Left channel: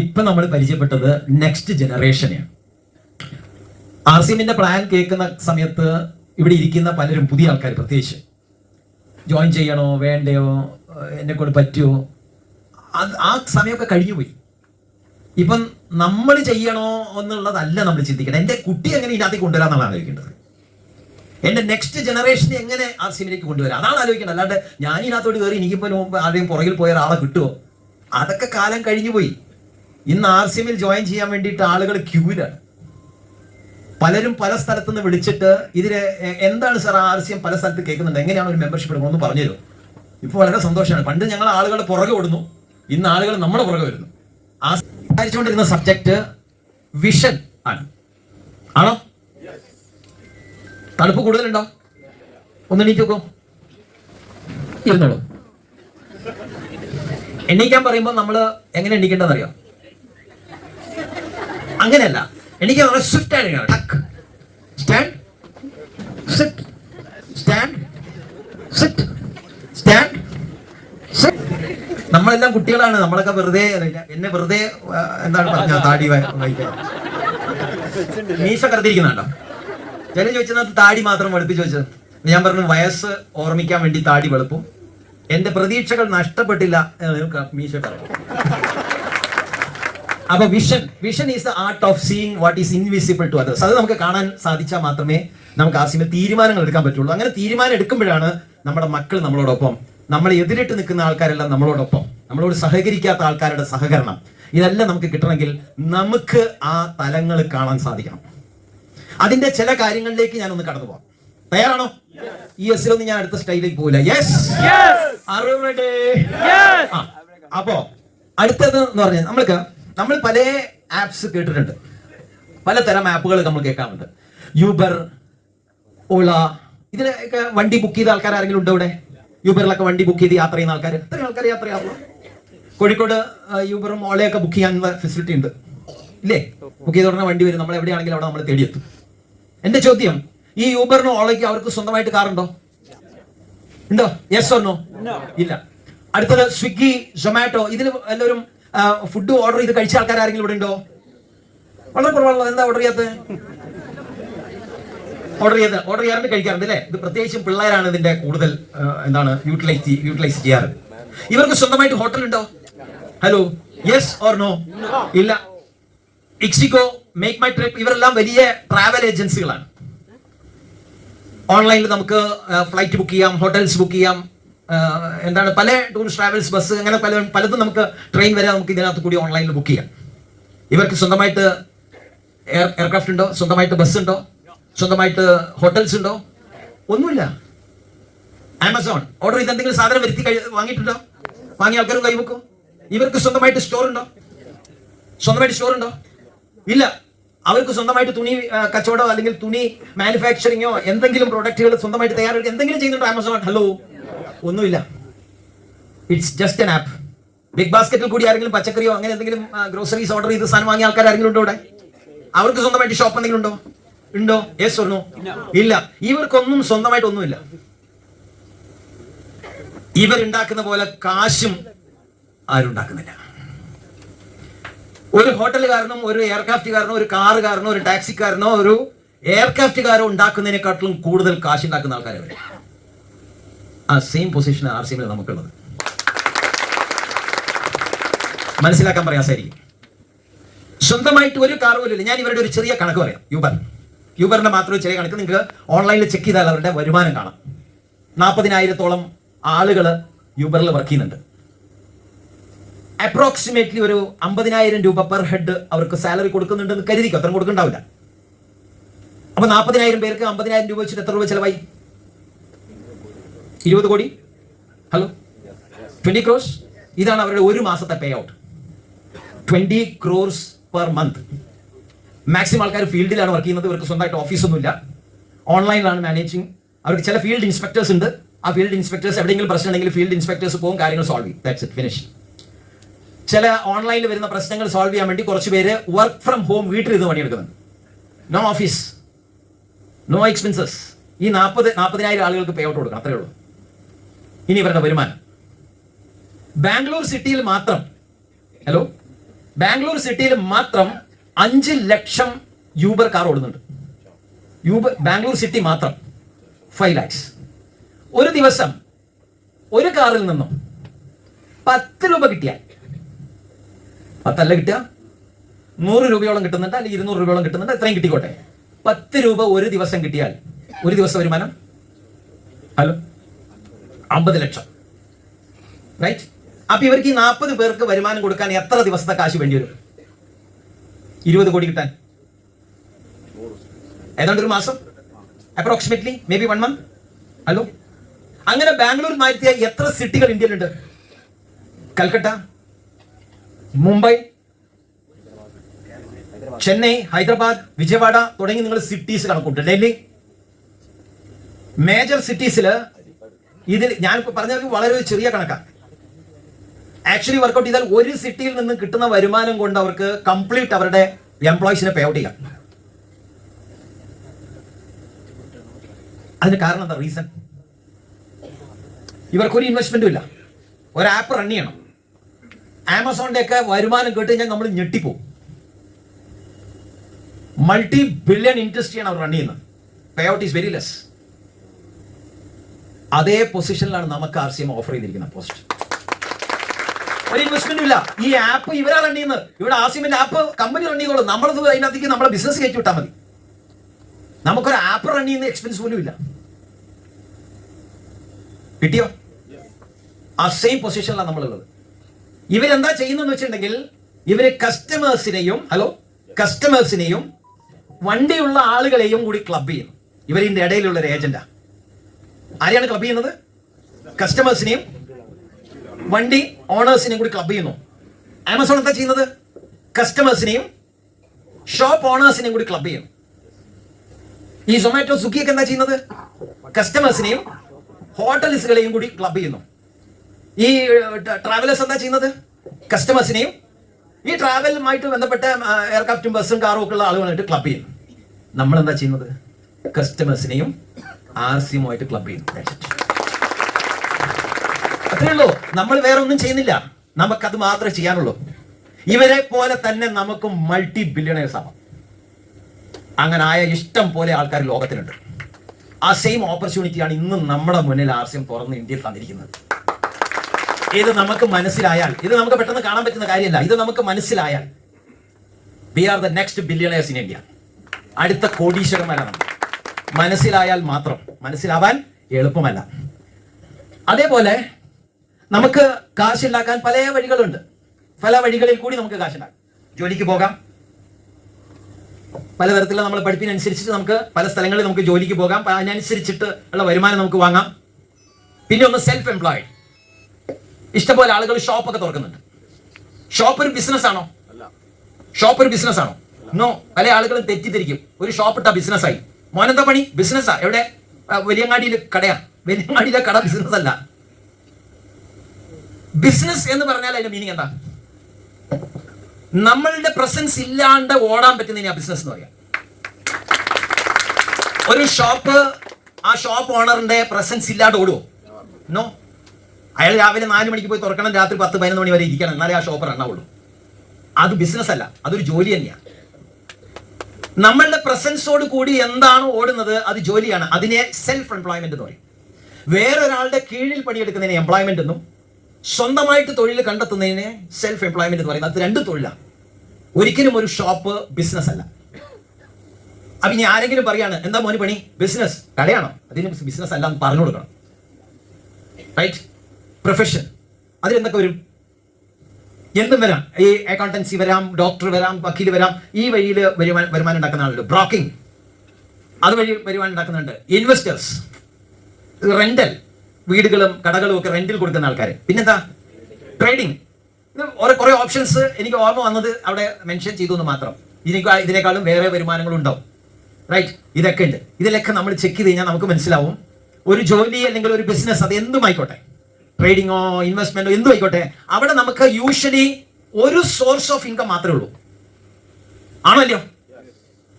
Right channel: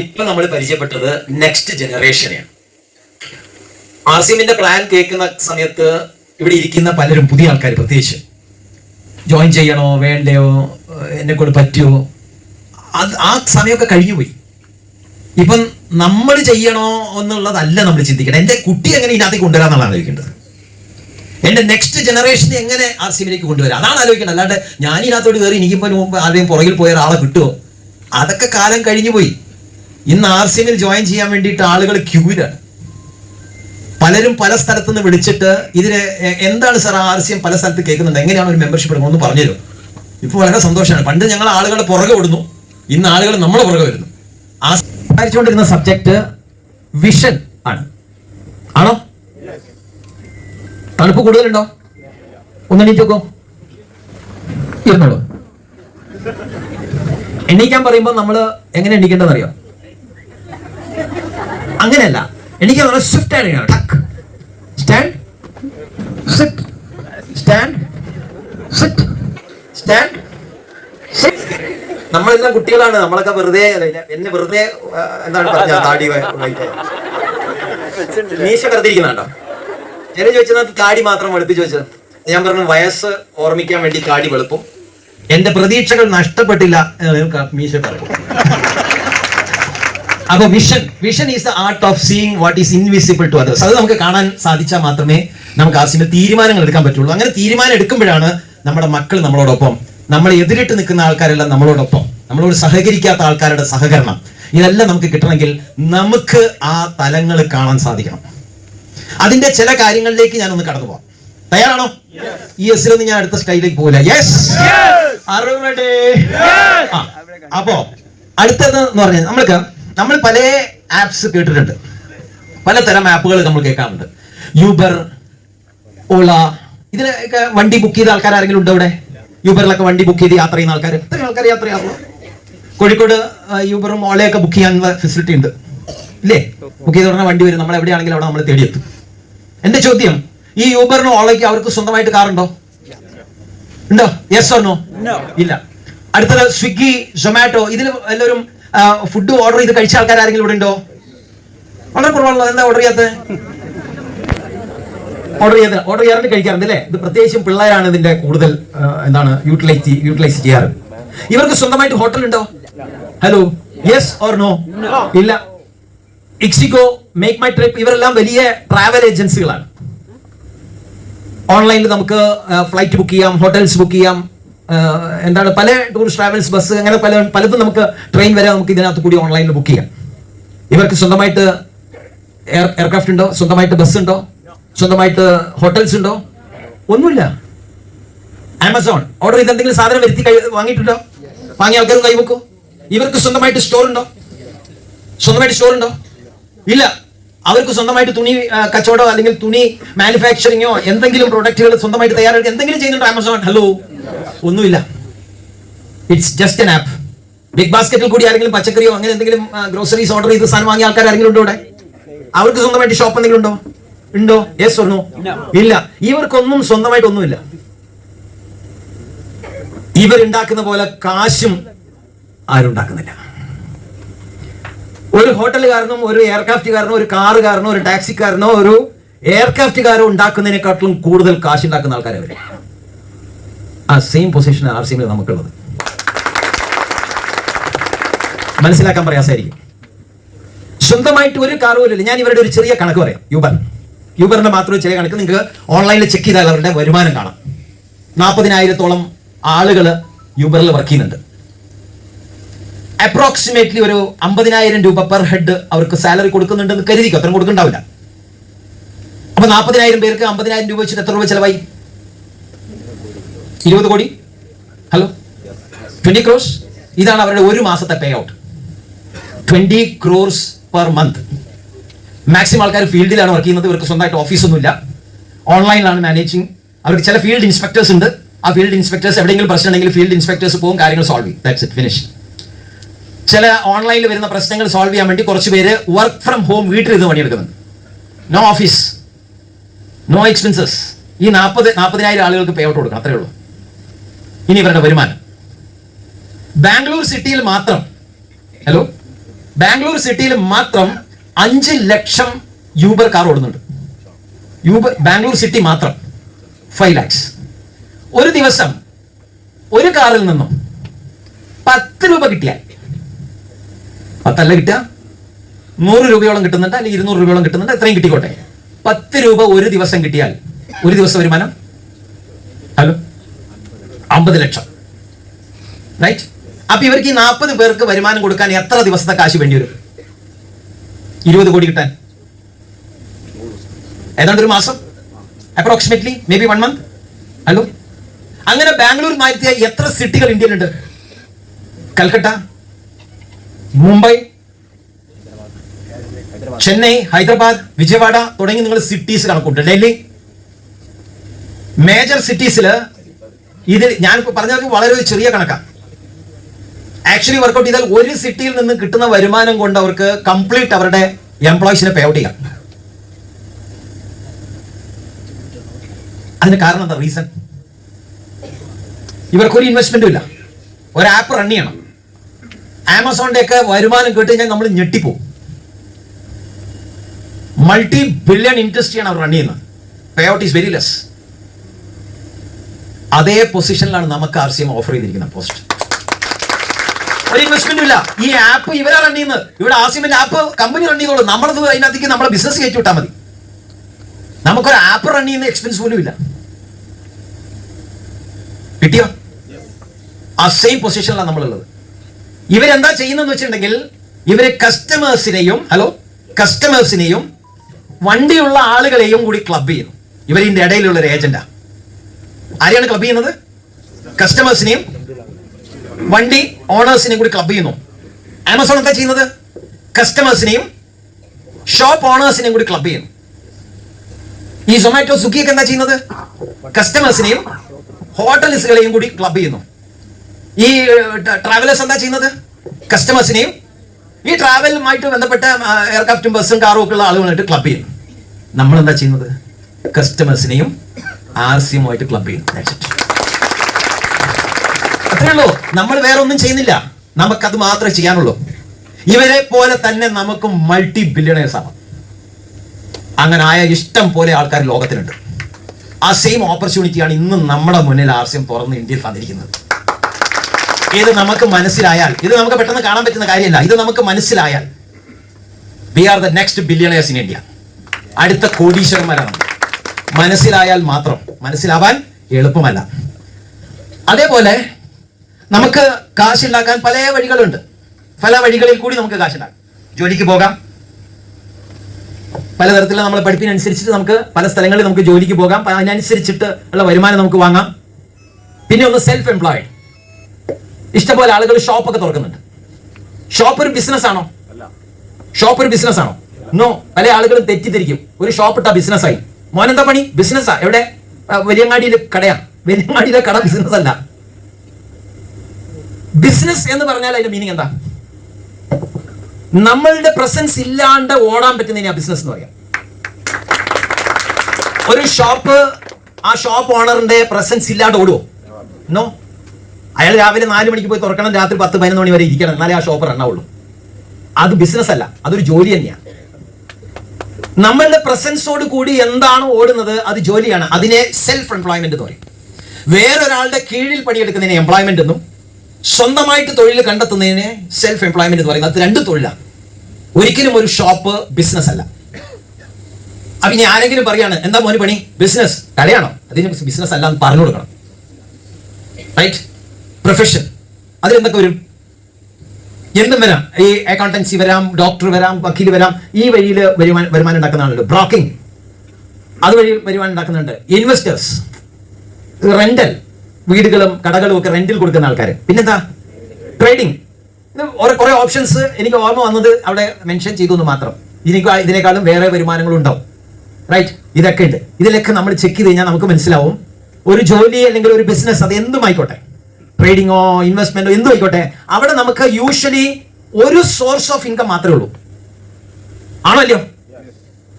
ഇപ്പൊ നമ്മൾ പരിചയപ്പെട്ടത് നെക്സ്റ്റ് ജനറേഷനെയാണ്. ആർസിഎമ്മിന്റെ പ്ലാൻ കേൾക്കുന്ന സമയത്ത് ഇവിടെ ഇരിക്കുന്ന പലരും പുതിയ ആൾക്കാർ പ്രത്യേകിച്ച് ജോയിൻ ചെയ്യണോ വേണ്ടയോ എന്നെ കൊണ്ട് പറ്റുമോ, അത് ആ സമയമൊക്കെ കഴിഞ്ഞുപോയി. ഇപ്പം നമ്മൾ ചെയ്യണോ എന്നുള്ളതല്ല നമ്മൾ ചിന്തിക്കണം. എൻ്റെ കുട്ടി എങ്ങനെ ഇതിനകത്തേക്ക് കൊണ്ടുവരാമെന്നാണ് ആലോചിക്കേണ്ടത്. എൻ്റെ നെക്സ്റ്റ് ജനറേഷൻ എങ്ങനെ ആർസിഎമ്മിലേക്ക് കൊണ്ടുവരാം അതാണ് ആലോചിക്കണം. അല്ലാണ്ട് ഞാൻ ഇതിനകത്തോട്ട് കയറി എനിക്കിപ്പോൾ ആരുടെയും പുറകിൽ പോയ ഒരാളെ കിട്ടുമോ, അതൊക്കെ കാലം കഴിഞ്ഞു പോയി. ഇന്ന് ആർസിഎമ്മിൽ ജോയിൻ ചെയ്യാൻ വേണ്ടിയിട്ട് ആളുകൾ ക്യൂവിലാണ്. പലരും പല സ്ഥലത്തു നിന്ന് വിളിച്ചിട്ട് ഇതിന് എന്താണ് സാർ ആർസിഎം പല സ്ഥലത്ത് കേൾക്കുന്നുണ്ട്, എങ്ങനെയാണ് ഒരു മെമ്പർഷിപ്പ് എടുക്കുന്നത് ഒന്ന് പറഞ്ഞുതരും. ഇപ്പോൾ വളരെ സന്തോഷമാണ്. പണ്ട് ഞങ്ങൾ ആളുകളുടെ പുറകെ ഓടുന്നു, ഇന്ന് ആളുകൾ നമ്മളെ പുറകെ വരുന്നു. സംസാരിച്ചുകൊണ്ടിരുന്ന സബ്ജക്ട് വിഷൻ ആണ്. ആണോ? തണുപ്പ് കൂടുതലുണ്ടോ? ഒന്നെണീറ്റോക്കോ, ഇരുന്നോളൂ. എണീക്കാൻ പറയുമ്പോൾ നമ്മൾ എങ്ങനെ എണീക്കേണ്ടതെന്ന് അറിയാം? അങ്ങനെയല്ല, എനിക്ക് സ്വിഫ്റ്റ് ആയിട്ട് stand sit stand sit stand sit. നമ്മളെല്ലാം കുട്ടികളാണ്. നമ്മളൊക്കെ വെറുതെ എന്നെ വെറുതെ എന്താണ് പറഞ്ഞ താടി മീശ കറുത്തിരിക്കുന്നുണ്ടോ? ചില ചോദിച്ചത് താടി മാത്രം വെളുപ്പിച്ച് വെച്ചത്. ഞാൻ പറഞ്ഞു വയസ്സ് ഓർമ്മിക്കാൻ വേണ്ടി താടി വെളുപ്പും, എന്റെ പ്രതീക്ഷകൾ നഷ്ടപ്പെട്ടില്ല മീശ കറുപ്പും. അപ്പൊ vision is the art of seeing what is invisible to others. അത് നമുക്ക് കാണാൻ സാധിച്ചാൽ മാത്രമേ നമുക്ക് ആർസിഎമ്മിൽ തീരുമാനങ്ങൾ എടുക്കാൻ പറ്റുള്ളൂ. അങ്ങനെ തീരുമാനം എടുക്കുമ്പോഴാണ് നമ്മുടെ മക്കൾ നമ്മളോടൊപ്പം, നമ്മൾ എതിരിട്ട് നിൽക്കുന്ന ആൾക്കാരെല്ലാം നമ്മളോടൊപ്പം, നമ്മളോട് സഹകരിക്കാത്ത ആൾക്കാരുടെ സഹകരണം, ഇതെല്ലാം നമുക്ക് കിട്ടണമെങ്കിൽ നമുക്ക് ആ തലങ്ങൾ കാണാൻ സാധിക്കണം. അതിന്റെ ചില കാര്യങ്ങളിലേക്ക് ഞാനൊന്ന് കടന്നു പോവാം. തയ്യാറാണോ? ഈ എസിലൊന്നും ഞാൻ അടുത്ത സ്റ്റൈലിലേക്ക് പോകില്ല. യെസ്, അപ്പോ അടുത്തത് എന്ന് പറഞ്ഞാൽ നമ്മൾ പല ആപ്സ് കേട്ടിട്ടുണ്ട്, പലതരം ആപ്പുകൾ നമ്മൾ കേൾക്കാറുണ്ട്. യൂബർ, ഓള, ഇതിലൊക്കെ വണ്ടി ബുക്ക് ചെയ്ത ആൾക്കാർ ആരെങ്കിലും ഉണ്ടോ ഇവിടെ? യൂബറിലൊക്കെ വണ്ടി ബുക്ക് ചെയ്ത് യാത്ര ചെയ്യുന്ന ആൾക്കാർ എത്ര ആൾക്കാർ യാത്ര ചെയ്യാറുള്ളൂ? കോഴിക്കോട് യൂബറും ഓളയൊക്കെ ബുക്ക് ചെയ്യാനുള്ള ഫെസിലിറ്റി ഉണ്ട് ഇല്ലേ? ബുക്ക് ചെയ്ത ഉടനെ വണ്ടി വരും, നമ്മൾ എവിടെയാണെങ്കിലും അവിടെ നമ്മൾ തേടിയെത്തും. എന്റെ ചോദ്യം, ഈ യൂബറിനും ഓളയ്ക്ക് അവർക്ക് സ്വന്തമായിട്ട് കാറുണ്ടോ? ഉണ്ടോ? Yes or no? ഇല്ല. അടുത്തത് സ്വിഗ്ഗി, സൊമാറ്റോ, ഇതിൽ എല്ലാവരും ഫുഡ് ഓർഡർ ചെയ്ത് കഴിച്ച ആൾക്കാർ ആരെങ്കിലും ഇവിടെ ഉണ്ടോ? വളരെ കുറവാണല്ലോ. എന്താ ഓർഡർ ചെയ്യാത്തത്? ഓർഡർ ചെയ്യാറുണ്ട്, കഴിക്കാറുണ്ട് അല്ലേ? ഇത് പ്രത്യേകിച്ചും പിള്ളേരാണ് ഇതിന്റെ കൂടുതൽ എന്താണ് യൂട്ടിലൈസ് ചെയ്യാറ്. ഇവർക്ക് സ്വന്തമായിട്ട് ഹോട്ടൽ ഉണ്ടോ? Hello, yes or no? ഇല്ല. ഇക്സിഗോ, മേക്ക് മൈ ട്രിപ്പ്, ഇവരെല്ലാം വലിയ ട്രാവൽ ഏജൻസികളാണ്. ഓൺലൈനിൽ നമുക്ക് ഫ്ലൈറ്റ് ബുക്ക് ചെയ്യാം, ഹോട്ടൽസ് ബുക്ക് ചെയ്യാം, എന്താണ് പല ടൂറിസ്റ്റ് ട്രാവൽസ്, ബസ്, അങ്ങനെ പലതും നമുക്ക്, ട്രെയിൻ വരെ നമുക്ക് ഇതിനകത്ത് കൂടി ഓൺലൈനിൽ ബുക്ക് ചെയ്യാം. ഇവർക്ക് സ്വന്തമായിട്ട് എയർക്രാഫ്റ്റ് ഉണ്ടോ? സ്വന്തമായിട്ട് ബസ് ഉണ്ടോ? സ്വന്തമായിട്ട് ഹോട്ടൽസ് ഉണ്ടോ? ഒന്നുമില്ല. ആമസോൺ ഓർഡർ ചെയ്ത് എന്തെങ്കിലും സാധനം വരുത്തി വാങ്ങിയിട്ടുണ്ടോ? വാങ്ങിയ ആൾക്കാരും കൈവെക്കും. ഇവർക്ക് സ്വന്തമായിട്ട് സ്റ്റോർ ഉണ്ടോ? ഇല്ല. അവർക്ക് സ്വന്തമായിട്ട് തുണി കച്ചവടമോ അല്ലെങ്കിൽ തുണി മാനുഫാക്ചറിങ്ങോ എന്തെങ്കിലും പ്രൊഡക്റ്റുകൾ സ്വന്തമായിട്ട് തയ്യാറെടുക്കുക എന്തെങ്കിലും ചെയ്യുന്നുണ്ടോ ആമസോൺ? ഹലോ, ഒന്നുമില്ല. It's just an app. Big ബാസ്ക്കറ്റിൽ കൂടി ആരെങ്കിലും പച്ചക്കറിയോ അങ്ങനെ എന്തെങ്കിലും ഗ്രോസറീസ് ഓർഡർ ചെയ്ത് സാധനം വാങ്ങിയ ആൾക്കാർ ആരെങ്കിലും ഉണ്ടോ ഇവിടെ? അവർക്ക് സ്വന്തമായിട്ട് ഷോപ്പ് എന്തെങ്കിലും ഉണ്ടോ? Yes or no? ഇല്ല. ഇവർക്കൊന്നും സ്വന്തമായിട്ട് ഒന്നുമില്ല. ഇവരുണ്ടാക്കുന്ന പോലെ കാശും ആരും ഉണ്ടാക്കുന്നില്ല. ഒരു ഹോട്ടലുകാരനും ഒരു എയർക്രാഫ്റ്റുകാരനോ ഒരു കാറുകാരനോ ഒരു ടാക്സിക്കാരനോ ഒരു എയർക്രാഫ്റ്റുകാരോ ഉണ്ടാക്കുന്നതിനെക്കാട്ടിലും കൂടുതൽ കാശ് ഉണ്ടാക്കുന്ന ആൾക്കാരെ വരെ. ആ സെയിം പൊസിഷൻ ആർസിഎമ്മിൽ നമുക്കുള്ളത്. മനസ്സിലാക്കാൻ പ്രയാസമായിരിക്കും. സ്വന്തമായിട്ട് ഒരു കാർ പോലും ഇല്ല. ഞാൻ ഇവരുടെ ഒരു ചെറിയ കണക്ക് പറയാം. യൂബറിന്റെ മാത്രം ഒരു ചെറിയ കണക്ക് നിങ്ങൾക്ക് ഓൺലൈനിൽ ചെക്ക് ചെയ്താൽ അവരുടെ വരുമാനം കാണാം. 40,000-ഓളം ആളുകൾ യൂബറിൽ വർക്ക് ചെയ്യുന്നുണ്ട്. അപ്രോക്സിമേറ്റ്ലി ഒരു 50,000 രൂപ പെർ ഹെഡ് അവർക്ക് സാലറി കൊടുക്കുന്നുണ്ടെന്ന് കരുതിക്കോ. അത്രയും കൊടുക്കുന്നുണ്ടാവില്ല. അപ്പൊ 40,000 പേർക്ക് 50,000 രൂപ വെച്ചിട്ട് എത്ര രൂപ ചെലവായി? 20 കോടി. Hello, 20 crores. ഇതാണ് അവരുടെ ഒരു മാസത്തെ pay out. 20 crores per month. Maximum ആൾക്കാർ ഫീൽഡിലാണ് വർക്ക് ചെയ്യുന്നത്. ഇവർക്ക് സ്വന്തമായിട്ട് ഓഫീസൊന്നുമില്ല, ഓൺലൈനിലാണ് മാനേജിങ്. അവർക്ക് ചില ഫീൽഡ് ഇൻസ്പെക്ടേഴ്സ് ഉണ്ട്. ആ ഫീൽഡ് ഇൻസ്പെക്ടേഴ്സ് എവിടെയെങ്കിലും പ്രശ്നം ഉണ്ടെങ്കിൽ ഫീൽഡ് ഇൻസ്പെക്ടേഴ്സ് പോകും, കാര്യങ്ങൾ സോൾവ് ചെയ്യും. That's it, finish. ചില ഓൺലൈനിൽ വരുന്ന പ്രശ്നങ്ങൾ സോൾവ് ചെയ്യാൻ വേണ്ടി കുറച്ച് പേര് വർക്ക് ഫ്രം ഹോം വീട്ടിൽ ഇരുന്ന് പണിയെടുക്കുന്നുണ്ട്. No office, no expenses. ഈ 40,000 ആളുകൾക്ക് പേ ഔട്ട് കൊടുക്കണം, അത്രേ ഉള്ളൂ. ഇനി ഇവരുടെ വരുമാനം ബാംഗ്ലൂർ സിറ്റിയിൽ മാത്രം, ഹലോ, ബാംഗ്ലൂർ സിറ്റിയിൽ മാത്രം 5 ലക്ഷം യൂബർ കാർ ഓടുന്നുണ്ട്. ബാംഗ്ലൂർ സിറ്റി മാത്രം 5 lakhs. ഒരു ദിവസം ഒരു കാറിൽ നിന്നും 10 രൂപ കിട്ടിയാൽ, 10 കിട്ടുക, 100 രൂപയോളം കിട്ടുന്നുണ്ട്, അല്ലെങ്കിൽ 200 രൂപയോളം കിട്ടുന്നുണ്ട്, എത്രയും കിട്ടിക്കോട്ടെ. 10 രൂപ ഒരു ദിവസം കിട്ടിയാൽ ഒരു ദിവസം വരുമാനം 50 ലക്ഷം. റൈറ്റ്? അപ്പൊ ഇവർക്ക് ഈ 40 പേർക്ക് വരുമാനം കൊടുക്കാൻ എത്ര ദിവസത്തെ കാശ് വേണ്ടി വരും? 20 കോടി കിട്ടാൻ ഏതാണ്ട് ഒരു മാസം, അപ്രോക്സിമേറ്റ്ലി, മേ ബി 1 month. അങ്ങനെ ബാംഗ്ലൂർ മാറ്റിയ എത്ര സിറ്റികൾ ഇന്ത്യയിലുണ്ട്? കൽക്കട്ട, മുംബൈ, ചെന്നൈ, ഹൈദരാബാദ്, വിജയവാഡ തുടങ്ങി നിങ്ങൾ സിറ്റീസ് കണക്കൂട്ട്. ഡൽഹി, മേജർ സിറ്റീസിൽ ഇതിൽ ഞാൻ പറഞ്ഞവർക്ക് വളരെ ഒരു ചെറിയ കണക്കാണ്. ആക്ച്വലി വർക്ക്ഔട്ട് ചെയ്താൽ ഒരു സിറ്റിയിൽ നിന്ന് കിട്ടുന്ന വരുമാനം കൊണ്ട് അവർക്ക് കംപ്ലീറ്റ് അവരുടെ എംപ്ലോയീസിനെ പേ ഔട്ട് ചെയ്യാം. അതിന് കാരണം എന്താ? റീസൺ, ഇവർക്കൊരു ഇൻവെസ്റ്റ്മെന്റും ഇല്ല. ഒരു ആപ്പ് റൺ ചെയ്യണം. ആമസോണിന്റെ ഒക്കെ വരുമാനം കേട്ട് കഴിഞ്ഞാൽ നമ്മൾ ഞെട്ടിപ്പോവും. multi-billion ഇൻഡസ്ട്രിയാണ് അവർ റൺ ചെയ്യുന്നത്. Pay out is very less. അതേ പൊസിഷനിലാണ് നമുക്ക് RCM ഓഫർ ചെയ്തിരിക്കുന്ന പോസ്റ്റ്. ഒരു ഇൻവെസ്റ്റ്മെന്റും ഇല്ല. ഈ ആപ്പ് ഇവരാ റൺ ചെയ്യുന്നത്. ഇവിടെ RCMന്റെ ആപ്പ് കമ്പനി റൺ ചെയ്തോളൂ. നമ്മളത് അതിനകത്തേക്ക് നമ്മളെ ബിസിനസ് കയറ്റി വിട്ടാൽ മതി. നമുക്കൊരു ആപ്പ് റൺ ചെയ്യുന്ന എക്സ്പെൻസ് പോലും ഇല്ല. കിട്ടിയോ? ആ സെയിം പൊസിഷനിലാണ് നമ്മളുള്ളത്. ഇവരെന്താ ചെയ്യുന്നതെന്ന് വെച്ചിട്ടുണ്ടെങ്കിൽ ഇവര് കസ്റ്റമേഴ്സിനെയും വണ്ടിയുള്ള ആളുകളെയും കൂടി ക്ലബ് ചെയ്യുന്നു. ഇവരിന്റെ ഇടയിലുള്ള ഒരു ഏജന്റാ. ആരെയാണ് ക്ലബ് ചെയ്യുന്നത്? കസ്റ്റമേഴ്സിനെയും വണ്ടി ഓണേഴ്സിനെയും കൂടി ക്ലബ് ചെയ്യുന്നു. ആമസോൺ എന്താ ചെയ്യുന്നത്? കസ്റ്റമേഴ്സിനെയും ഷോപ്പ് ഓണേഴ്സിനെയും കൂടി ക്ലബ് ചെയ്യുന്നു. ഈ സൊമാറ്റോ, സ്വിഗ്ഗി ഒക്കെ എന്താ ചെയ്യുന്നത്? കസ്റ്റമേഴ്സിനെയും ഹോട്ടൽസുകളെയും കൂടി ക്ലബ് ചെയ്യുന്നു. ഈ ട്രാവലേഴ്സ് എന്താ ചെയ്യുന്നത്? കസ്റ്റമേഴ്സിനെയും ഈ ട്രാവലുമായിട്ട് ബന്ധപ്പെട്ട എയർക്രാഫ്റ്റും ബസ്സും കാറും ഒക്കെ ഉള്ള ആളുകളായിട്ട് ക്ലബ് ചെയ്യുന്നു. നമ്മൾ എന്താ ചെയ്യുന്നത്? കസ്റ്റമേഴ്സിനെയും RCMുമായിട്ട് ക്ലബ് ചെയ്യുന്നു. അത്രേ ഉള്ളൂ. നമ്മൾ വേറെ ഒന്നും ചെയ്യുന്നില്ല. നമുക്കത് മാത്രമേ ചെയ്യാനുള്ളൂ. ഇവരെ പോലെ തന്നെ നമുക്ക് multi-billionaires ആവാം. അങ്ങനെ ആയ ഇഷ്ടം പോലെ ആൾക്കാർ ലോകത്തിലുണ്ട്. ആ സെയിം ഓപ്പർച്യൂണിറ്റിയാണ് ഇന്ന് നമ്മുടെ മുന്നിൽ RCM തുറന്ന് ഇന്ത്യയിൽ തന്നിരിക്കുന്നത്. ഇത് നമുക്ക് മനസ്സിലായാൽ, ഇത് നമുക്ക് പെട്ടെന്ന് കാണാൻ പറ്റുന്ന കാര്യമല്ല, ഇത് നമുക്ക് മനസ്സിലായാൽ we are the next billionaires in India. അടുത്ത കോടീശ്വരന്മാരാണ്. മനസ്സിലായാൽ മാത്രം. മനസ്സിലാവാൻ എളുപ്പമല്ല. അതേപോലെ നമുക്ക് കാശുണ്ടാക്കാൻ പല വഴികളുണ്ട്. പല വഴികളിൽ കൂടി നമുക്ക് കാശുണ്ടാക്കാം. ജോലിക്ക് പോകാം. പലതരത്തിലുള്ള നമ്മളെ പഠിപ്പിനനുസരിച്ചിട്ട് നമുക്ക് പല സ്ഥലങ്ങളിൽ നമുക്ക് ജോലിക്ക് പോകാം. അതിനനുസരിച്ചിട്ട് ഉള്ള വരുമാനം നമുക്ക് വാങ്ങാം. പിന്നെ ഒന്ന് സെൽഫ് എംപ്ലോയിഡ്. ഇഷ്ടംപോലെ ആളുകൾ ഷോപ്പൊക്കെ തുറക്കുന്നുണ്ട്. ഷോപ്പ് ഒരു ബിസിനസ് ആണോ? ഷോപ്പ് ഒരു ബിസിനസ് ആണോ? നോ. പല ആളുകളും തെറ്റിദ്ധരിക്കും. ഒരു ഷോപ്പ് ഇട്ടാ ബിസിനസ്സായി. മോനെന്താ പണി? ബിസിനസ്സാ. എവിടെ? വലിയങ്ങാടിയിലെ കടയാണ്. വലിയങ്ങാടിയിലെ കട ബിസിനസ് അല്ല. ബിസിനസ് എന്ന് പറഞ്ഞാൽ അതിന്റെ മീനിങ് എന്താ? നമ്മളുടെ പ്രസൻസ് ഇല്ലാണ്ട് ഓടാൻ പറ്റുന്നതിനാ ബിസിനസ് എന്ന് പറയാം. ഒരു ഷോപ്പ്, ആ ഷോപ്പ് ഓണറിന്റെ പ്രസൻസ് ഇല്ലാണ്ട് ഓടുവോ? നോ. അയാൾ രാവിലെ 4 മണിക്ക് പോയി തുറക്കണം, രാത്രി 10-11 മണി വരെ ഇരിക്കണം, എന്നാലേ ആ ഷോപ്പ് റണ്ണാവുള്ളൂ. അത് ബിസിനസ് അല്ല, അതൊരു ജോലി തന്നെയാണ്. നമ്മളുടെ പ്രസൻസോട് കൂടി എന്താണ് ഓടുന്നത് അത് ജോലിയാണ്. അതിനെ സെൽഫ് എംപ്ലോയ്മെന്റ് എന്ന് പറയും. വേറൊരാളുടെ കീഴിൽ പണിയെടുക്കുന്നതിനെ എംപ്ലോയ്മെന്റ് എന്നും സ്വന്തമായിട്ട് തൊഴിൽ കണ്ടെത്തുന്നതിനെ സെൽഫ് എംപ്ലോയ്മെന്റ് എന്ന് പറയുന്നത്. അത് 2 തൊഴിലാണ്. ഒരിക്കലും ഒരു ഷോപ്പ് ബിസിനസ് അല്ല. അപ്പൊ ഇനി ആരെങ്കിലും പറയാണ് എന്താ മോന് പണി? ബിസിനസ്. കടയാണോ? അതിന് ബിസിനസ് അല്ല എന്ന് പറഞ്ഞു കൊടുക്കണം. റൈറ്റ്? പ്രൊഫഷൻ അതിലെന്തൊക്കെ വരും? എന്തും വരാം. ഈ അക്കൗണ്ടൻസി വരാം, ഡോക്ടർ വരാം, വക്കീൽ വരാം. ഈ വഴിയിൽ വരുമാനം ഉണ്ടാക്കുന്ന ആളുണ്ട്. ബ്രോക്കിംഗ്, അതുവഴി വരുമാനം ഉണ്ടാക്കുന്നുണ്ട്. ഇൻവെസ്റ്റേഴ്സ്, റെന്റൽ, വീടുകളും കടകളും ഒക്കെ റെന്റിൽ കൊടുക്കുന്ന ആൾക്കാർ. പിന്നെന്താ? ട്രേഡിംഗ്. കുറെ ഓപ്ഷൻസ് എനിക്ക് ഓർമ്മ വന്നത് അവിടെ മെൻഷൻ ചെയ്തു എന്ന് മാത്രം. ഇതിനേക്കാളും വേറെ വരുമാനങ്ങളും ഉണ്ടാവും. റൈറ്റ്? ഇതൊക്കെ ഉണ്ട്. ഇതിലൊക്കെ നമ്മൾ ചെക്ക് ചെയ്ത് കഴിഞ്ഞാൽ നമുക്ക് മനസ്സിലാവും ഒരു ജോലി അല്ലെങ്കിൽ ഒരു ബിസിനസ്, അത് എന്തുമായിക്കോട്ടെ, ട്രേഡിങ്ങോ ഇൻവെസ്റ്റ്മെന്റോ എന്തും ആയിക്കോട്ടെ, അവിടെ നമുക്ക് യൂഷ്വലി ഒരു സോഴ്സ് ഓഫ് ഇൻകം മാത്രമേ ഉള്ളൂ. ആണല്ലോ?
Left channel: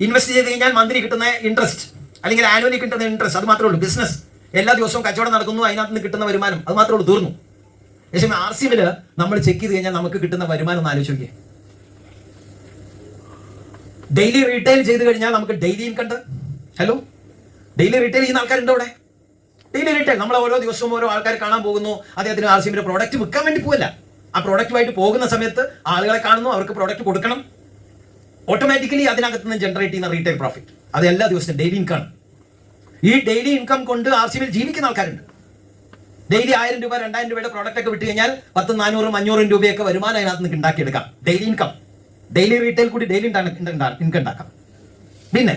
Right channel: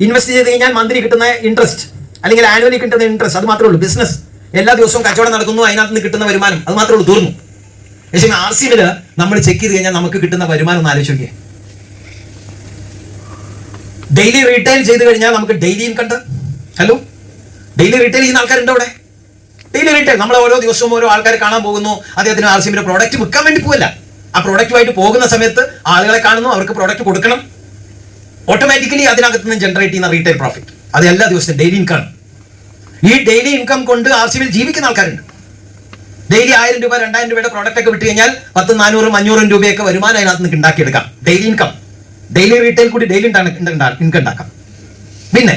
ഇൻവെസ്റ്റ് ചെയ്ത് കഴിഞ്ഞാൽ മന്ത്ലി കിട്ടുന്ന ഇൻട്രസ്റ്റ് അല്ലെങ്കിൽ ആനുവലി കിട്ടുന്ന ഇൻട്രസ്റ്റ്, അത് മാത്രമേ ഉള്ളൂ. ബിസിനസ് എല്ലാ ദിവസവും കച്ചവടം നടക്കുന്നു, അതിനകത്ത് നിന്ന് കിട്ടുന്ന വരുമാനം, അത് മാത്രമേ ഉള്ളൂ. തീർന്നു. പക്ഷേ RCMല് നമ്മൾ ചെക്ക് ചെയ്ത് കഴിഞ്ഞാൽ നമുക്ക് കിട്ടുന്ന വരുമാനം ഒന്ന് ആലോചിച്ച് നോക്കിയേ. ഡെയിലി റീറ്റെയിൽ ചെയ്ത് കഴിഞ്ഞാൽ നമുക്ക് daily income. Hello, daily retail ചെയ്യുന്ന ആൾക്കാരുണ്ടോ ഇവിടെ? ഡെയിലി റീറ്റെയിൽ നമ്മൾ ഓരോ ദിവസവും ഓരോ ആൾക്കാർ കാണാൻ പോകുന്നു, അദ്ദേഹത്തിന് RCMന്റെ പ്രോഡക്റ്റ് വിൽക്കാൻ വേണ്ടി പോകല്ല. ആ പ്രോഡക്റ്റുമായിട്ട് പോകുന്ന സമയത്ത് ആളുകളെ കാണുന്നു, അവർക്ക് പ്രോഡക്റ്റ് കൊടുക്കണം. ഓട്ടോമാറ്റിക്കലി അതിനകത്ത് നിന്ന് ജനറേറ്റ് ചെയ്യുന്ന റീറ്റെയിൽ പ്രോഫിറ്റ് അത് എല്ലാ ദിവസവും ഡെയിലി ഇൻകം. ഈ ഡെയിലി ഇൻകം കൊണ്ട് RCMൽ ജീവിക്കുന്ന ആൾക്കാരുണ്ട്. ഡെയിലി 1000 രൂപ 2000 രൂപയുടെ പ്രോഡക്റ്റ് ഒക്കെ വിട്ട് കഴിഞ്ഞാൽ 10, 400, 500 രൂപയൊക്കെ വരുമാനം അതിനകത്ത് നിന്ന് ഉണ്ടാക്കിയെടുക്കാം. ഡെയിലി ഇൻകം, ഡെയിലി റീറ്റെയിൽ കൂടി ഡെയിലി ഇൻകം ഉണ്ടാക്കാം. പിന്നെ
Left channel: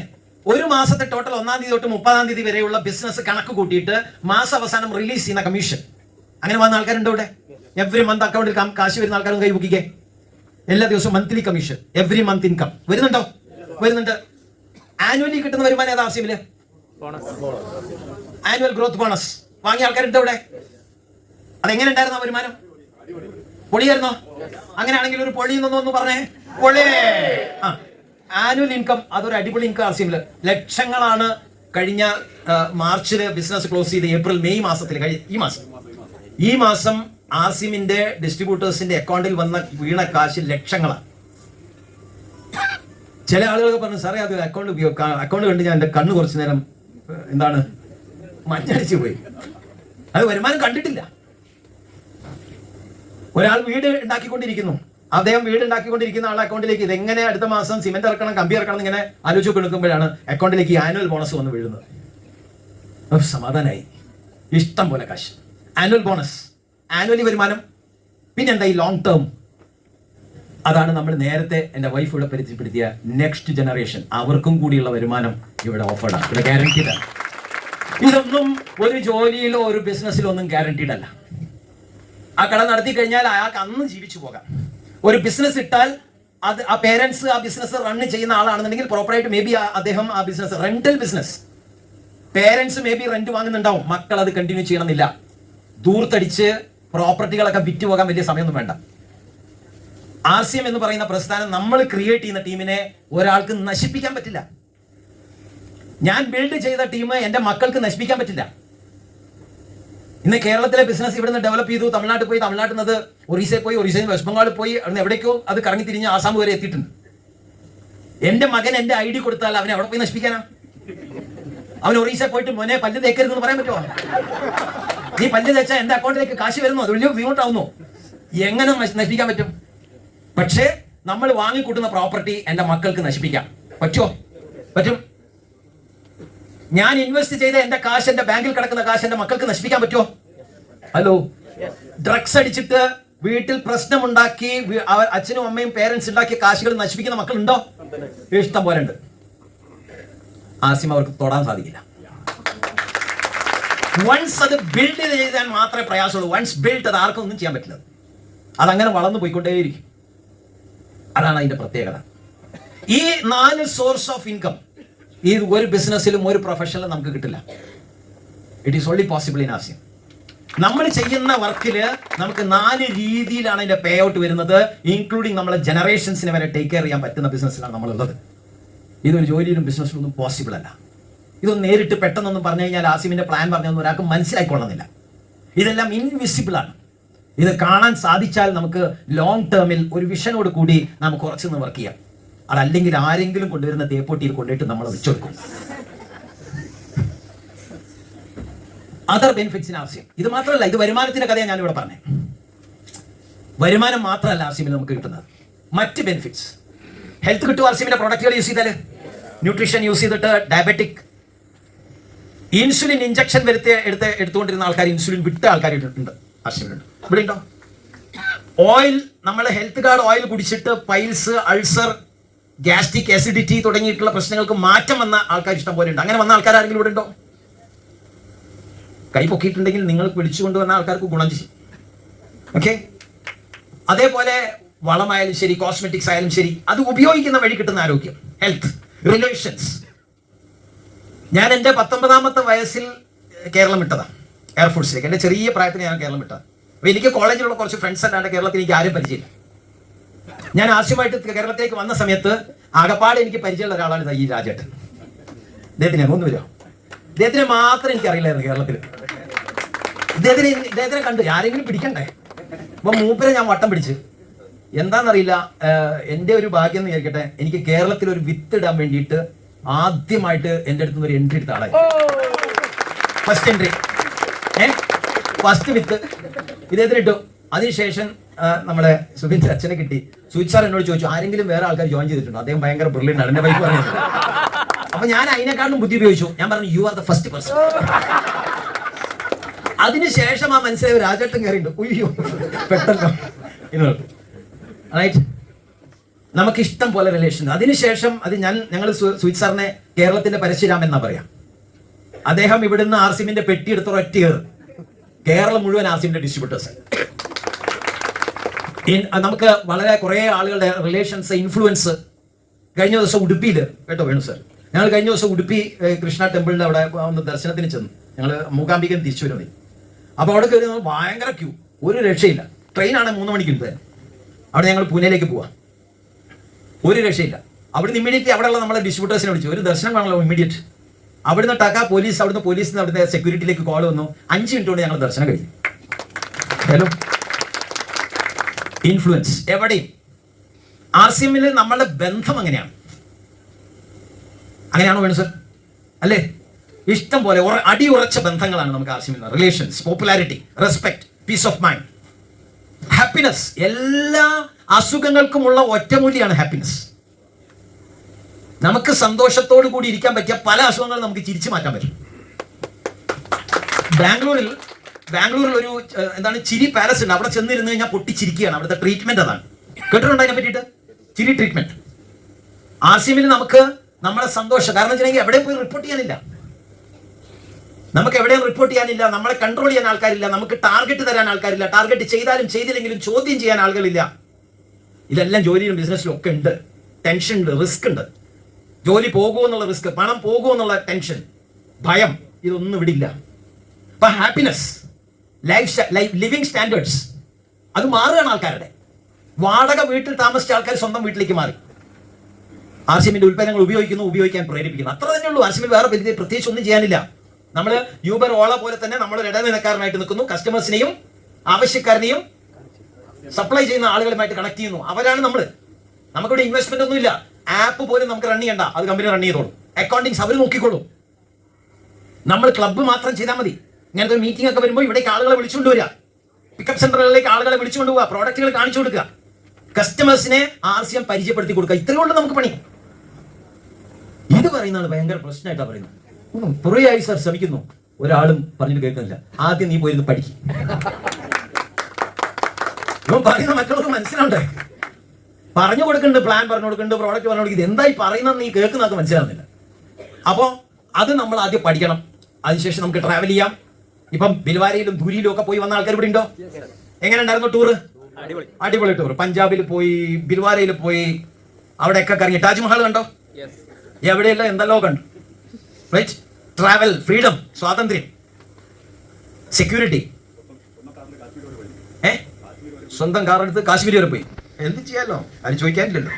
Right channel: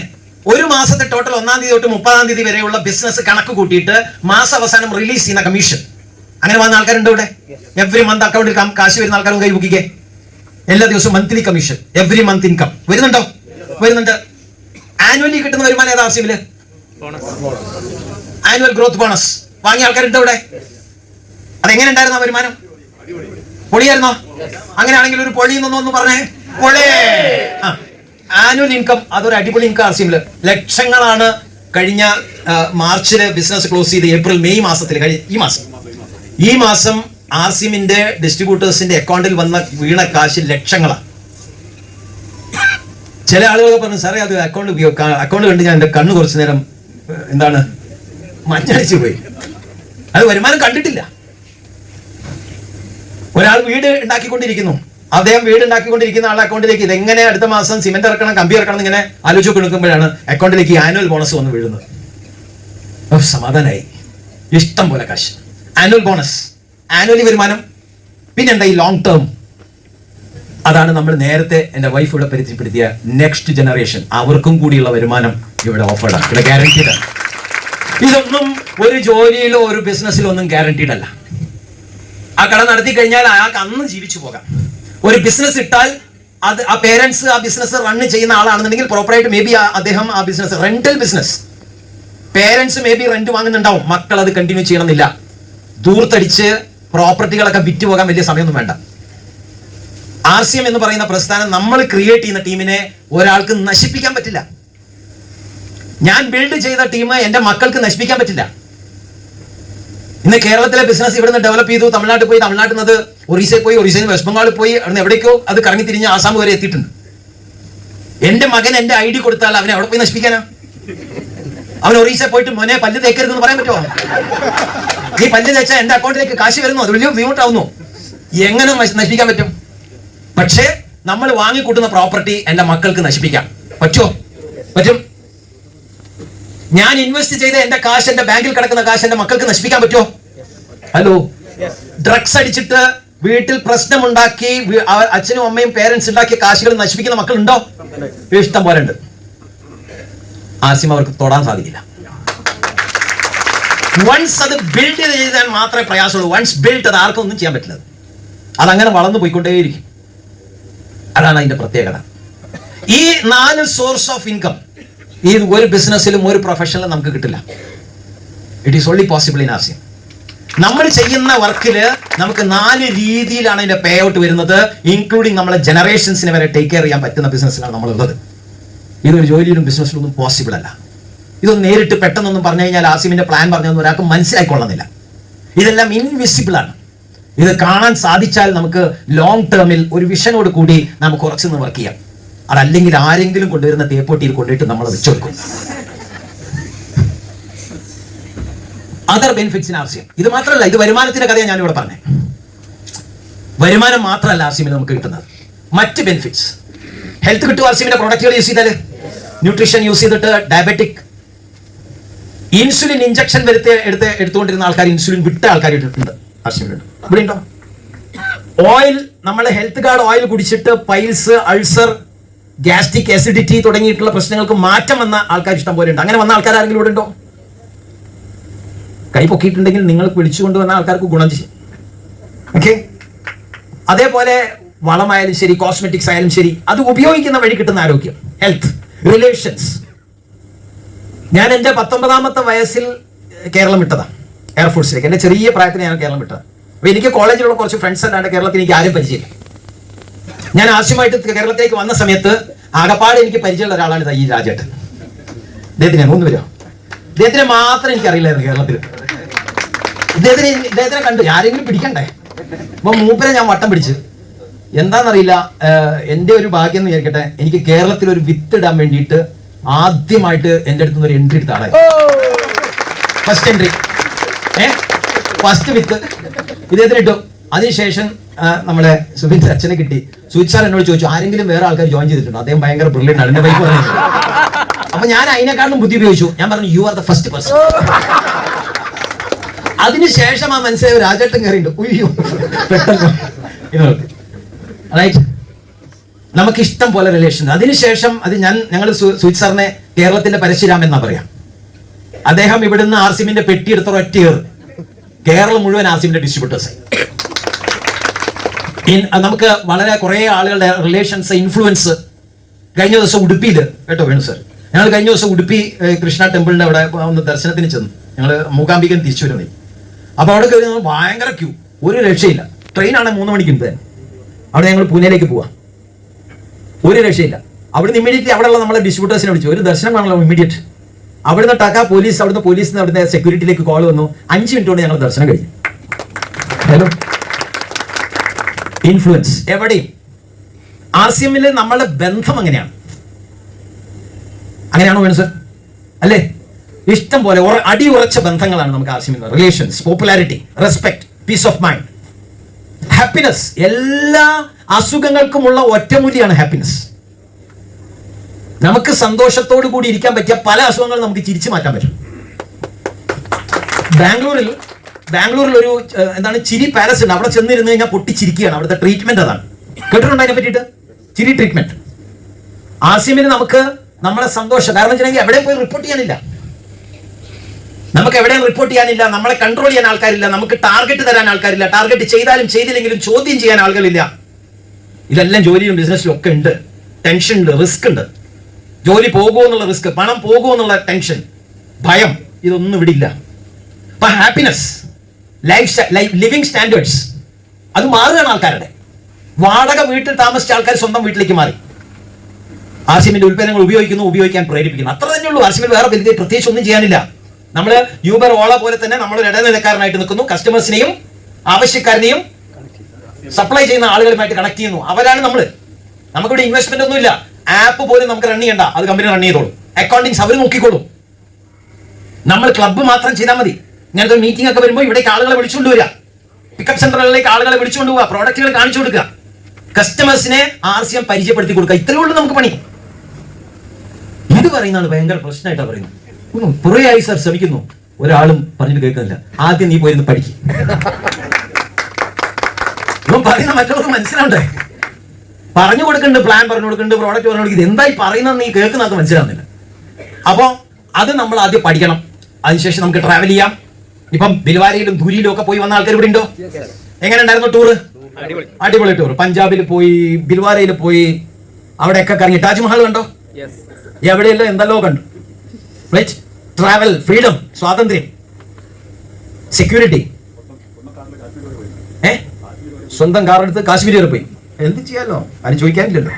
ഒരു മാസത്തെ ടോട്ടൽ 1-ാം തീയതി തൊട്ട് 30-ാം തീയതി വരെയുള്ള ബിസിനസ് കണക്ക് കൂട്ടിയിട്ട് മാസ അവസാനം റിലീസ് ചെയ്യുന്ന കമ്മീഷൻ, അങ്ങനെ വന്ന ആൾക്കാരുണ്ട് ഇവിടെ. എവറി മന്ത് അക്കൗണ്ടിൽ കാശ് വരുന്ന ആൾക്കാരും കൈ ബുക്കിക്കേ. എല്ലാ ദിവസവും monthly commission, every month income വരുന്നുണ്ടോ? വരുന്നുണ്ട്. ആനുവലി കിട്ടുന്ന വരുമാനം ഏതാ RCMല്? ആനുവൽ ഗ്രോത്ത് ബോണസ് വാങ്ങിയ ആൾക്കാരുണ്ട് ഇവിടെ. അതെങ്ങനെ ഉണ്ടായിരുന്നു ആ വരുമാനം? പൊളിയായിരുന്നോ? അങ്ങനെയാണെങ്കിൽ ഒരു പൊളി എന്നൊന്ന് പറഞ്ഞേ. പൊളി. ആനുവൽ ഇൻകം അതൊരു അടിപൊളി ഇൻകം RCMല്. ലക്ഷങ്ങളാണ് കഴിഞ്ഞ മാർച്ചില് ബിസിനസ് ക്ലോസ് ചെയ്ത് ഏപ്രിൽ മെയ് മാസത്തിൽ ഈ മാസം RCMന്റെ ഡിസ്ട്രിബ്യൂട്ടേഴ്സിന്റെ അക്കൗണ്ടിൽ വന്ന വീണ കാശ് ലക്ഷങ്ങളാണ്. ചില ആളുകൾ പറഞ്ഞു, സാറേ അത് അക്കൗണ്ട് കണ്ട് ഞാൻ എന്റെ കണ്ണ് കുറച്ചു നേരം മഞ്ഞടിച്ചു പോയി. അത് വരുമാനം കണ്ടിട്ടില്ല. ഒരാൾ വീട് ഉണ്ടാക്കിക്കൊണ്ടിരിക്കുന്നു, അദ്ദേഹം വീട് ഉണ്ടാക്കിക്കൊണ്ടിരിക്കുന്ന ആളുടെ അക്കൗണ്ടിലേക്ക് ഇതെങ്ങനെ അടുത്ത മാസം സിമെന്റ് ഇറക്കണം, കമ്പി ഇറക്കണം ഇങ്ങനെ ആലോചിച്ച് കൊടുക്കുമ്പോഴാണ് അക്കൗണ്ടിലേക്ക് ആനുവൽ ബോണസ് വന്ന് വീഴുന്നത്. സമാധാനമായി. ഇഷ്ടം പോലെ കാശ്. ആനുവൽ ബോണസ്, ആനുവലി വരുമാനം. പിന്നെന്താ ഈ ലോങ് ടേം? അതാണ് നമ്മൾ നേരത്തെ എൻ്റെ വൈഫ് ഇവിടെ പരിചയപ്പെടുത്തിയ നെക്സ്റ്റ് ജനറേഷൻ. അവർക്കും കൂടിയുള്ള വരുമാനം ഇവിടെ ഓഫേർഡാണ്, ഇവിടെ ഗ്യാരണ്ടീഡ് ആണ്. ഇതൊന്നും ഒരു ജോലിയിലോ ഒരു ബിസിനസ്സിലോ ഒന്നും ഗ്യാരണ്ടീഡ് അല്ല. ആ കട നടത്തി കഴിഞ്ഞാൽ അയാൾക്ക് അന്ന് ജീവിച്ചു പോകാം. ഒരു ബിസിനസ് ഇട്ടാൽ അത് ആ പേരൻസ് ആ ബിസിനസ് റൺ ചെയ്യുന്ന ആളാണെന്നുണ്ടെങ്കിൽ പ്രോപ്പറായിട്ട് മേ ബി അദ്ദേഹം ആ business rental business parents maybe rent വാങ്ങുന്നുണ്ടാവും, മക്കൾ അത് കണ്ടിന്യൂ ചെയ്യണമെന്നില്ല. ദൂർത്തടിച്ച് പ്രോപ്പർട്ടികളൊക്കെ വിറ്റ് പോകാൻ വലിയ സമയമൊന്നും വേണ്ട. RCM എന്ന് പറയുന്ന പ്രസ്ഥാനം നമ്മൾ ക്രിയേറ്റ് ചെയ്യുന്ന ടീമിനെ ഒരാൾക്ക് നശിപ്പിക്കാൻ പറ്റില്ല. ഞാൻ ബിൽഡ് ചെയ്ത ടീം എന്റെ മക്കൾക്ക് നശിപ്പിക്കാൻ പറ്റില്ല. ഇന്ന് കേരളത്തിലെ ബിസിനസ് ഇവിടുന്ന് ഡെവലപ്പ് ചെയ്തു, തമിഴ്നാട്ടിൽ പോയി, തമിഴ്നാട്ടിൽ നിന്ന് ഒറീസയിൽ പോയി, ഒറീസയിൽ നിന്ന് വെസ്റ്റ് ബംഗാളിൽ പോയി, അവിടുന്ന് എവിടേക്കോ അത് കറങ്ങി തിരിഞ്ഞ് ആസാം വരെ എത്തിയിട്ടുണ്ട്. എന്റെ മകൻ എന്റെ ID കൊടുത്താൽ അവനെ അവിടെ പോയി നശിപ്പിക്കാനാ? അവൻ ഒറീസയിൽ പോയിട്ട് മോനെ പല്ല് തേക്കരുതെന്ന് പറയാൻ പറ്റുമോ? നീ പല്ല് തേച്ചാൽ എന്റെ അക്കൗണ്ടിലേക്ക് കാശ് വരുന്നു, അത് വലിയ ബുദ്ധിമുട്ടാവുന്നു. എങ്ങനെ നശിപ്പിക്കാൻ പറ്റും? പക്ഷേ നമ്മൾ വാങ്ങിക്കൂട്ടുന്ന പ്രോപ്പർട്ടി എന്റെ മക്കൾക്ക് നശിപ്പിക്കാം പറ്റുമോ? പറ്റും. ഞാൻ ഇൻവെസ്റ്റ് ചെയ്ത എന്റെ കാശ്, എന്റെ ബാങ്കിൽ കിടക്കുന്ന കാശ് എന്റെ മക്കൾക്ക് നശിപ്പിക്കാൻ പറ്റുമോ? ഹലോ, ഡ്രഗ്സ് അടിച്ചിട്ട് വീട്ടിൽ പ്രശ്നമുണ്ടാക്കി അച്ഛനും അമ്മയും പേരൻസ് ഉണ്ടാക്കിയ കാശുകൾ നശിപ്പിക്കുന്ന മക്കളുണ്ടോ? ഇഷ്ടം പോലെ ഉണ്ട്. RCM അവർക്ക് തൊടാൻ സാധിക്കില്ല. വൺസ് അത് ബിൽഡ് ചെയ്താൽ മാത്രമേ പ്രയാസമുള്ളൂ. വൺസ് ബിൽഡ് അത് ആർക്കും ഒന്നും ചെയ്യാൻ പറ്റില്ല. അതങ്ങനെ വളർന്നു പോയിക്കൊണ്ടേയിരിക്കും. അതാണ് അതിന്റെ പ്രത്യേകത. ഈ 4 സോഴ്സ് ഓഫ് ഇൻകം ഈ ഒരു ബിസിനസ്സിലും ഒരു പ്രൊഫഷനിലും നമുക്ക് കിട്ടില്ല. It is only possible in RCM. നമ്മൾ ചെയ്യുന്ന വർക്കില് നമുക്ക് 4 രീതിയിലാണ് അതിന്റെ പേ ഔട്ട് വരുന്നത്, ഇൻക്ലൂഡിങ് നമ്മളെ ജനറേഷൻസിനെ വരെ ടേക്ക് കെയർ ചെയ്യാൻ പറ്റുന്ന ബിസിനസ്സിലാണ് നമ്മളുള്ളത്. ഇതൊരു ജോലിയിലും ബിസിനസ്സിലൊന്നും പോസിബിൾ അല്ല. ഇതൊന്നും നേരിട്ട് പെട്ടെന്നൊന്നും പറഞ്ഞു കഴിഞ്ഞാൽ RCMന്റെ പ്ലാൻ പറഞ്ഞൊന്നും ഒരാൾക്ക് മനസ്സിലായിക്കൊള്ളുന്നില്ല. ഇതെല്ലാം ഇൻവിസിബിൾ ആണ്. ഇത് കാണാൻ സാധിച്ചാൽ നമുക്ക് ലോങ് ടേമിൽ ഒരു വിഷനോട് കൂടി നമുക്ക് കുറച്ചൊന്ന് വർക്ക് ചെയ്യാം. അതല്ലെങ്കിൽ ആരെങ്കിലും കൊണ്ടുവരുന്ന തേപ്പൊട്ടിയിൽ കൊണ്ടിട്ട് നമ്മൾ വെച്ചുകൊടുക്കും. Other benefits in RCM. ഇത് മാത്രമല്ല, ഇത് വരുമാനത്തിന്റെ കഥയാണ് ഞാനിവിടെ പറഞ്ഞത്. വരുമാനം മാത്രമല്ല RCMൽ നമുക്ക് കിട്ടുന്നത്, മറ്റ് ബെനിഫിറ്റ്സ്. ഹെൽത്ത് കിട്ടും RCMന്റെ പ്രോഡക്റ്റുകൾ യൂസ് ചെയ്താൽ. ന്യൂട്രീഷൻ യൂസ് ചെയ്തിട്ട് ഡയബറ്റിക്, ഇൻസുലിൻ ഇഞ്ചക്ഷൻ എടുത്തുകൊണ്ടിരുന്ന ആൾക്കാർ ഇൻസുലിൻ വിട്ട ആൾക്കാർ ഉണ്ട് RCMലുണ്ട്. ഇവിടെ ഉണ്ടോ? ഓയിൽ, നമ്മളെ ഹെൽത്ത് കാർഡ് ഓയിൽ കുടിച്ചിട്ട് പൈൽസ്, അൾസർ, ഗ്യാസ്ട്രിക് ആസിഡിറ്റി തുടങ്ങിയിട്ടുള്ള പ്രശ്നങ്ങൾക്ക് മാറ്റം വന്ന ആൾക്കാർ ഇഷ്ടം പോലെ ഉണ്ട്. അങ്ങനെ വന്ന ആൾക്കാർ ആരെങ്കിലും ഇവിടെ ഉണ്ടോ? കൈ പൊക്കിയിട്ടുണ്ടെങ്കിൽ നിങ്ങൾ വിളിച്ചുകൊണ്ടുവന്ന ആൾക്കാർക്ക് ഗുണം ചെയ്യും. ഓക്കെ. അതേപോലെ വളമായാലും ശരി, കോസ്മെറ്റിക്സ് ആയാലും ശരി, അത് ഉപയോഗിക്കുന്ന വഴി കിട്ടുന്ന ആരോഗ്യം, ഹെൽത്ത്, റിലേഷൻസ്. ഞാൻ എൻ്റെ 19ാമത്തെ വയസ്സിൽ കേരളം വിട്ടതാണ്, എയർഫോഴ്സിലേക്ക്. എൻ്റെ ചെറിയ പ്രായത്തിൽ ഞാൻ കേരളം വിട്ടതാണ്. അപ്പോൾ എനിക്ക് കോളേജിലുള്ള കുറച്ച് ഫ്രണ്ട്സ് അല്ലാണ്ട് കേരളത്തിൽ എനിക്ക് ആരും പരിചയമില്ല. ഞാൻ ആവശ്യമായിട്ട് കേരളത്തിലേക്ക് വന്ന സമയത്ത് ആകപ്പാട് എനിക്ക് പരിചയമുള്ള ഒരാളാണ് ഈ രാജേട്ടൻ. ഇദ്ദേഹത്തിനെ ഒന്ന് വരുമോ? ഇദ്ദേഹത്തിനെ മാത്രം എനിക്കറിയില്ലായിരുന്നു കേരളത്തിൽ. ഇദ്ദേഹത്തിനെ കണ്ടു, ആരെങ്കിലും പിടിക്കണ്ടേ? അപ്പൊ മൂപ്പരെ ഞാൻ വട്ടം പിടിച്ച് എന്താണെന്നറിയില്ല, എൻ്റെ ഒരു ഭാഗ്യം എന്ന് വിചാരിക്കട്ടെ, എനിക്ക് കേരളത്തിൽ ഒരു വിത്ത് ഇടാൻ വേണ്ടിയിട്ട് ആദ്യമായിട്ട് എൻ്റെ അടുത്ത് നിന്ന് ഒരു എൻട്രി എടുത്ത ആളായി. ഫസ്റ്റ് എൻട്രി, ഫസ്റ്റ് വിത്ത് ഇദ്ദേഹത്തിന്. അതിനുശേഷം നമ്മളെ സുബിൻ അച്ഛനെ കിട്ടി. സുജിത് സാർ എന്നോട് ചോദിച്ചു, ആരെങ്കിലും വേറെ ആൾക്കാർ ജോയിൻ ചെയ്തിട്ടുണ്ടോ? അദ്ദേഹം ഭയങ്കര ബ്രില്യൻ്റ് ആണ്, എൻ്റെ വൈഫ് പറയുന്നത്. അപ്പൊ ഞാൻ അതിനെക്കാളും ബുദ്ധി ഉപയോഗിച്ചു. ഞാൻ പറഞ്ഞു, you are the first person. അതിനുശേഷം ആ മനസ്സിലായ രാജേട്ടൻ കയറിയിട്ടുണ്ട്. ഉയ്യോ, പെട്ടെന്ന് റൈറ്റ്. നമുക്ക് ഇഷ്ടം പോലെ റിലേഷൻ. അതിനുശേഷം അത് ഞങ്ങൾ സുജിത് സാറിനെ കേരളത്തിന്റെ പരശുരാമൻ എന്നാ പറയാം. അദ്ദേഹം ഇവിടുന്ന് ആർസിമിന്റെ പെട്ടി എടുത്ത ഒറ്റ കേരളം മുഴുവൻ ആർസിമിന്റെ ഡിസ്ട്രിബ്യൂട്ടേഴ്സ്. നമുക്ക് വളരെ കുറെ ആളുകളുടെ റിലേഷൻസ്, ഇൻഫ്ലുവൻസ്. കഴിഞ്ഞ ദിവസം ഉടുപ്പിയിൽ കേട്ടോ വേണു സാർ, ഞങ്ങൾ കഴിഞ്ഞ ദിവസം ഉടുപ്പി കൃഷ്ണ ടെമ്പിളിന്റെ അവിടെ ഒന്ന് ദർശനത്തിന് ചെന്നു. ഞങ്ങൾ മൂകാംബികൻ തിരിച്ചു വരുന്നേ. അപ്പൊ അവിടെ കയറി ഭയങ്കര ക്യൂ, ഒരു രക്ഷയില്ല. ട്രെയിനാണ് 3 മണിക്ക് ഉണ്ട്. അവിടെ ഞങ്ങൾ പൂനെയിലേക്ക് പോവാം, ഒരു രക്ഷയില്ല. അവിടുന്ന് ഇമ്മീഡിയറ്റ്ലി അവിടെയുള്ള നമ്മളെ ഡിസ്ട്രിബ്യൂട്ടേഴ്സിനെ വിളിച്ചു, ഒരു ദർശനം വേണമല്ലോ ഇമ്മീഡിയറ്റ്. അവിടുന്ന് ടക്ക പോലീസ്, അവിടുന്ന് പോലീസിന് അവിടുത്തെ സെക്യൂരിറ്റിയിലേക്ക് കോൾ വന്നു. 5 മിനിറ്റ് കൊണ്ട് ഞങ്ങൾ ദർശനം കഴിഞ്ഞു. ഹലോ, ഇൻഫ്ലുവൻസ് എവിടെയും. ആർസിഎമ്മിൽ നമ്മളുടെ ബന്ധം അങ്ങനെയാണ്. അങ്ങനെയാണോ വേണം സർ? അല്ലേ? ഇഷ്ടം പോലെ അടിയുറച്ച ബന്ധങ്ങളാണ് നമുക്ക് ആർസിഎമ്മിൽ. Relations, popularity, respect, peace of mind, happiness. എല്ലാ അസുഖങ്ങൾക്കുമുള്ള ഒറ്റമൂലിയാണ് ഹാപ്പിനെസ്. നമുക്ക് സന്തോഷത്തോടു കൂടി ഇരിക്കാൻ പറ്റിയ പല അസുഖങ്ങളും നമുക്ക് ചിരിച്ചു മാറ്റാൻ പറ്റും. ബാംഗ്ലൂരിൽ ഒരു എന്താണ് ചിരി പാലസ് ഉണ്ട്. അവിടെ ചെന്നിരുന്ന് കഴിഞ്ഞാൽ പൊട്ടിച്ചിരിക്കുകയാണ്. അവിടുത്തെ ട്രീറ്റ്മെന്റ് അതാണ്. കേട്ടിട്ടുണ്ടോ അതിനെ പറ്റിയിട്ട്? ചിരി ട്രീറ്റ്മെന്റ്. ആർസിഎമ്മിൽ നമുക്ക് നമ്മുടെ സന്തോഷം, കാരണം വെച്ചിട്ടുണ്ടെങ്കിൽ എവിടെയും പോയി റിപ്പോർട്ട് ചെയ്യാനില്ല. നമുക്ക് എവിടെയും റിപ്പോർട്ട് ചെയ്യാനില്ല, നമ്മളെ കൺട്രോൾ ചെയ്യാൻ ആൾക്കാരില്ല, നമുക്ക് ടാർഗറ്റ് തരാൻ ആൾക്കാരില്ല, ടാർഗറ്റ് ചെയ്താലും ചെയ്തില്ലെങ്കിലും ചോദ്യം ചെയ്യാൻ ആളുകളില്ല. ഇതെല്ലാം ജോലിയിലും ബിസിനസ്സിലും ഒക്കെ ഉണ്ട്. ടെൻഷൻ ഉണ്ട്, റിസ്ക് ഉണ്ട്. ജോലി പോകുമോ എന്നുള്ള റിസ്ക്, പണം പോകുമോ എന്നുള്ള ടെൻഷൻ, ഭയം, ഇതൊന്നും ഇവിടെ ഇല്ല. അപ്പൊ ഹാപ്പിനെസ്, ലിവിങ് സ്റ്റാൻഡേർഡ്സ് അത് മാറുകയാണ് ആൾക്കാരുടെ. വാടക വീട്ടിൽ താമസിച്ച ആൾക്കാർ സ്വന്തം വീട്ടിലേക്ക് മാറി. ആർസിഎമ്മിന്റെ ഉൽപ്പന്നങ്ങൾ ഉപയോഗിക്കാൻ പ്രേരിപ്പിക്കുന്നു. അത്ര തന്നെ ഉള്ളൂ. ആർസിഎമ്മിൽ വേറെ വലിയ പ്രത്യേകിച്ച് ഒന്നും ചെയ്യാനില്ല. നമ്മൾ യൂബർ, ഓള പോലെ തന്നെ നമ്മളൊരു ഇടനിലക്കാരനായിട്ട് നിൽക്കുന്നു. കസ്റ്റമേഴ്സിനെയും ആവശ്യക്കാരനെയും സപ്ലൈ ചെയ്യുന്ന ആളുകളുമായിട്ട് കണക്ട് ചെയ്യുന്നു. അവരാണ് നമ്മൾ. നമുക്കിവിടെ ഇൻവെസ്റ്റ്മെന്റ് ഒന്നും ഇല്ല. ആപ്പ് പോലും നമുക്ക് റൺ ചെയ്യണ്ട, അത് കമ്പനി റൺ ചെയ്തോളും. അക്കൗണ്ടിങ്സ് അവർ നോക്കിക്കോളും. നമ്മൾ ക്ലബ്ബ് മാത്രം ചെയ്താൽ മതി. ഇങ്ങനത്തെ മീറ്റിംഗ് ഒക്കെ വരുമ്പോൾ ഇവിടേക്ക് ആളുകളെ വിളിച്ചുകൊണ്ട് വരിക, പിക്കപ്പ് സെന്ററുകളിലേക്ക് ആളുകളെ വിളിച്ചുകൊണ്ട് പോവുക, പ്രോഡക്റ്റുകൾ കാണിച്ചു കൊടുക്കുക, കസ്റ്റമേഴ്സിനെ ആർസിഎം പരിചയപ്പെടുത്തി കൊടുക്കുക. ഇത്രയേ ഉള്ളൂ നമുക്ക് പണി. ഇത് പറയുന്നതാണ് ഭയങ്കര പ്രശ്നമായിട്ടാണ് പറയുന്നത്. കുറേയായി സാർ ശ്രമിക്കുന്നു, ഒരാളും പറഞ്ഞിട്ട് കേൾക്കുന്നില്ല. ആദ്യം നീ പോയിരുന്നു പഠിക്കും. ഇവൻ പറയുന്ന മറ്റുള്ളവർക്ക് മനസ്സിലാവണ്ടേ? പറഞ്ഞു കൊടുക്കുന്നുണ്ട്, പ്ലാൻ പറഞ്ഞു കൊടുക്കുന്നുണ്ട്, പ്രോഡക്റ്റ് പറഞ്ഞു കൊടുക്കുന്നത്. എന്തായി പറയുന്നത് നീ കേൾക്കുന്നത് മനസ്സിലാവുന്നില്ല. അപ്പോൾ അത് നമ്മൾ ആദ്യം പഠിക്കണം. അതിനുശേഷം നമുക്ക് ട്രാവൽ ചെയ്യാം. ഇപ്പം ബിൽവാരയിലും ദൂരിയിലും ഒക്കെ പോയി വന്ന ആൾക്കാർ ഇവിടെ ഉണ്ടോ? എങ്ങനെ ഉണ്ടായിരുന്നു ടൂറ്? അടിപൊളി ടൂർ. പഞ്ചാബിൽ പോയി, ബിൽവാരയിൽ പോയി, അവിടെയൊക്കെ കറങ്ങി. താജ്മഹൽ കണ്ടോ? എവിടെയല്ലോ എന്തെല്ലോ കണ്ടു. റൈറ്റ്. ട്രാവൽ, ഫ്രീഡം, സ്വാതന്ത്ര്യം, സെക്യൂരിറ്റി. സ്വന്തം കാർ എടുത്ത് കാശ്മീർ വരെ പോയി. എന്ത് ചെയ്യാലോ, ആരും ചോദിക്കാനില്ലല്ലോ.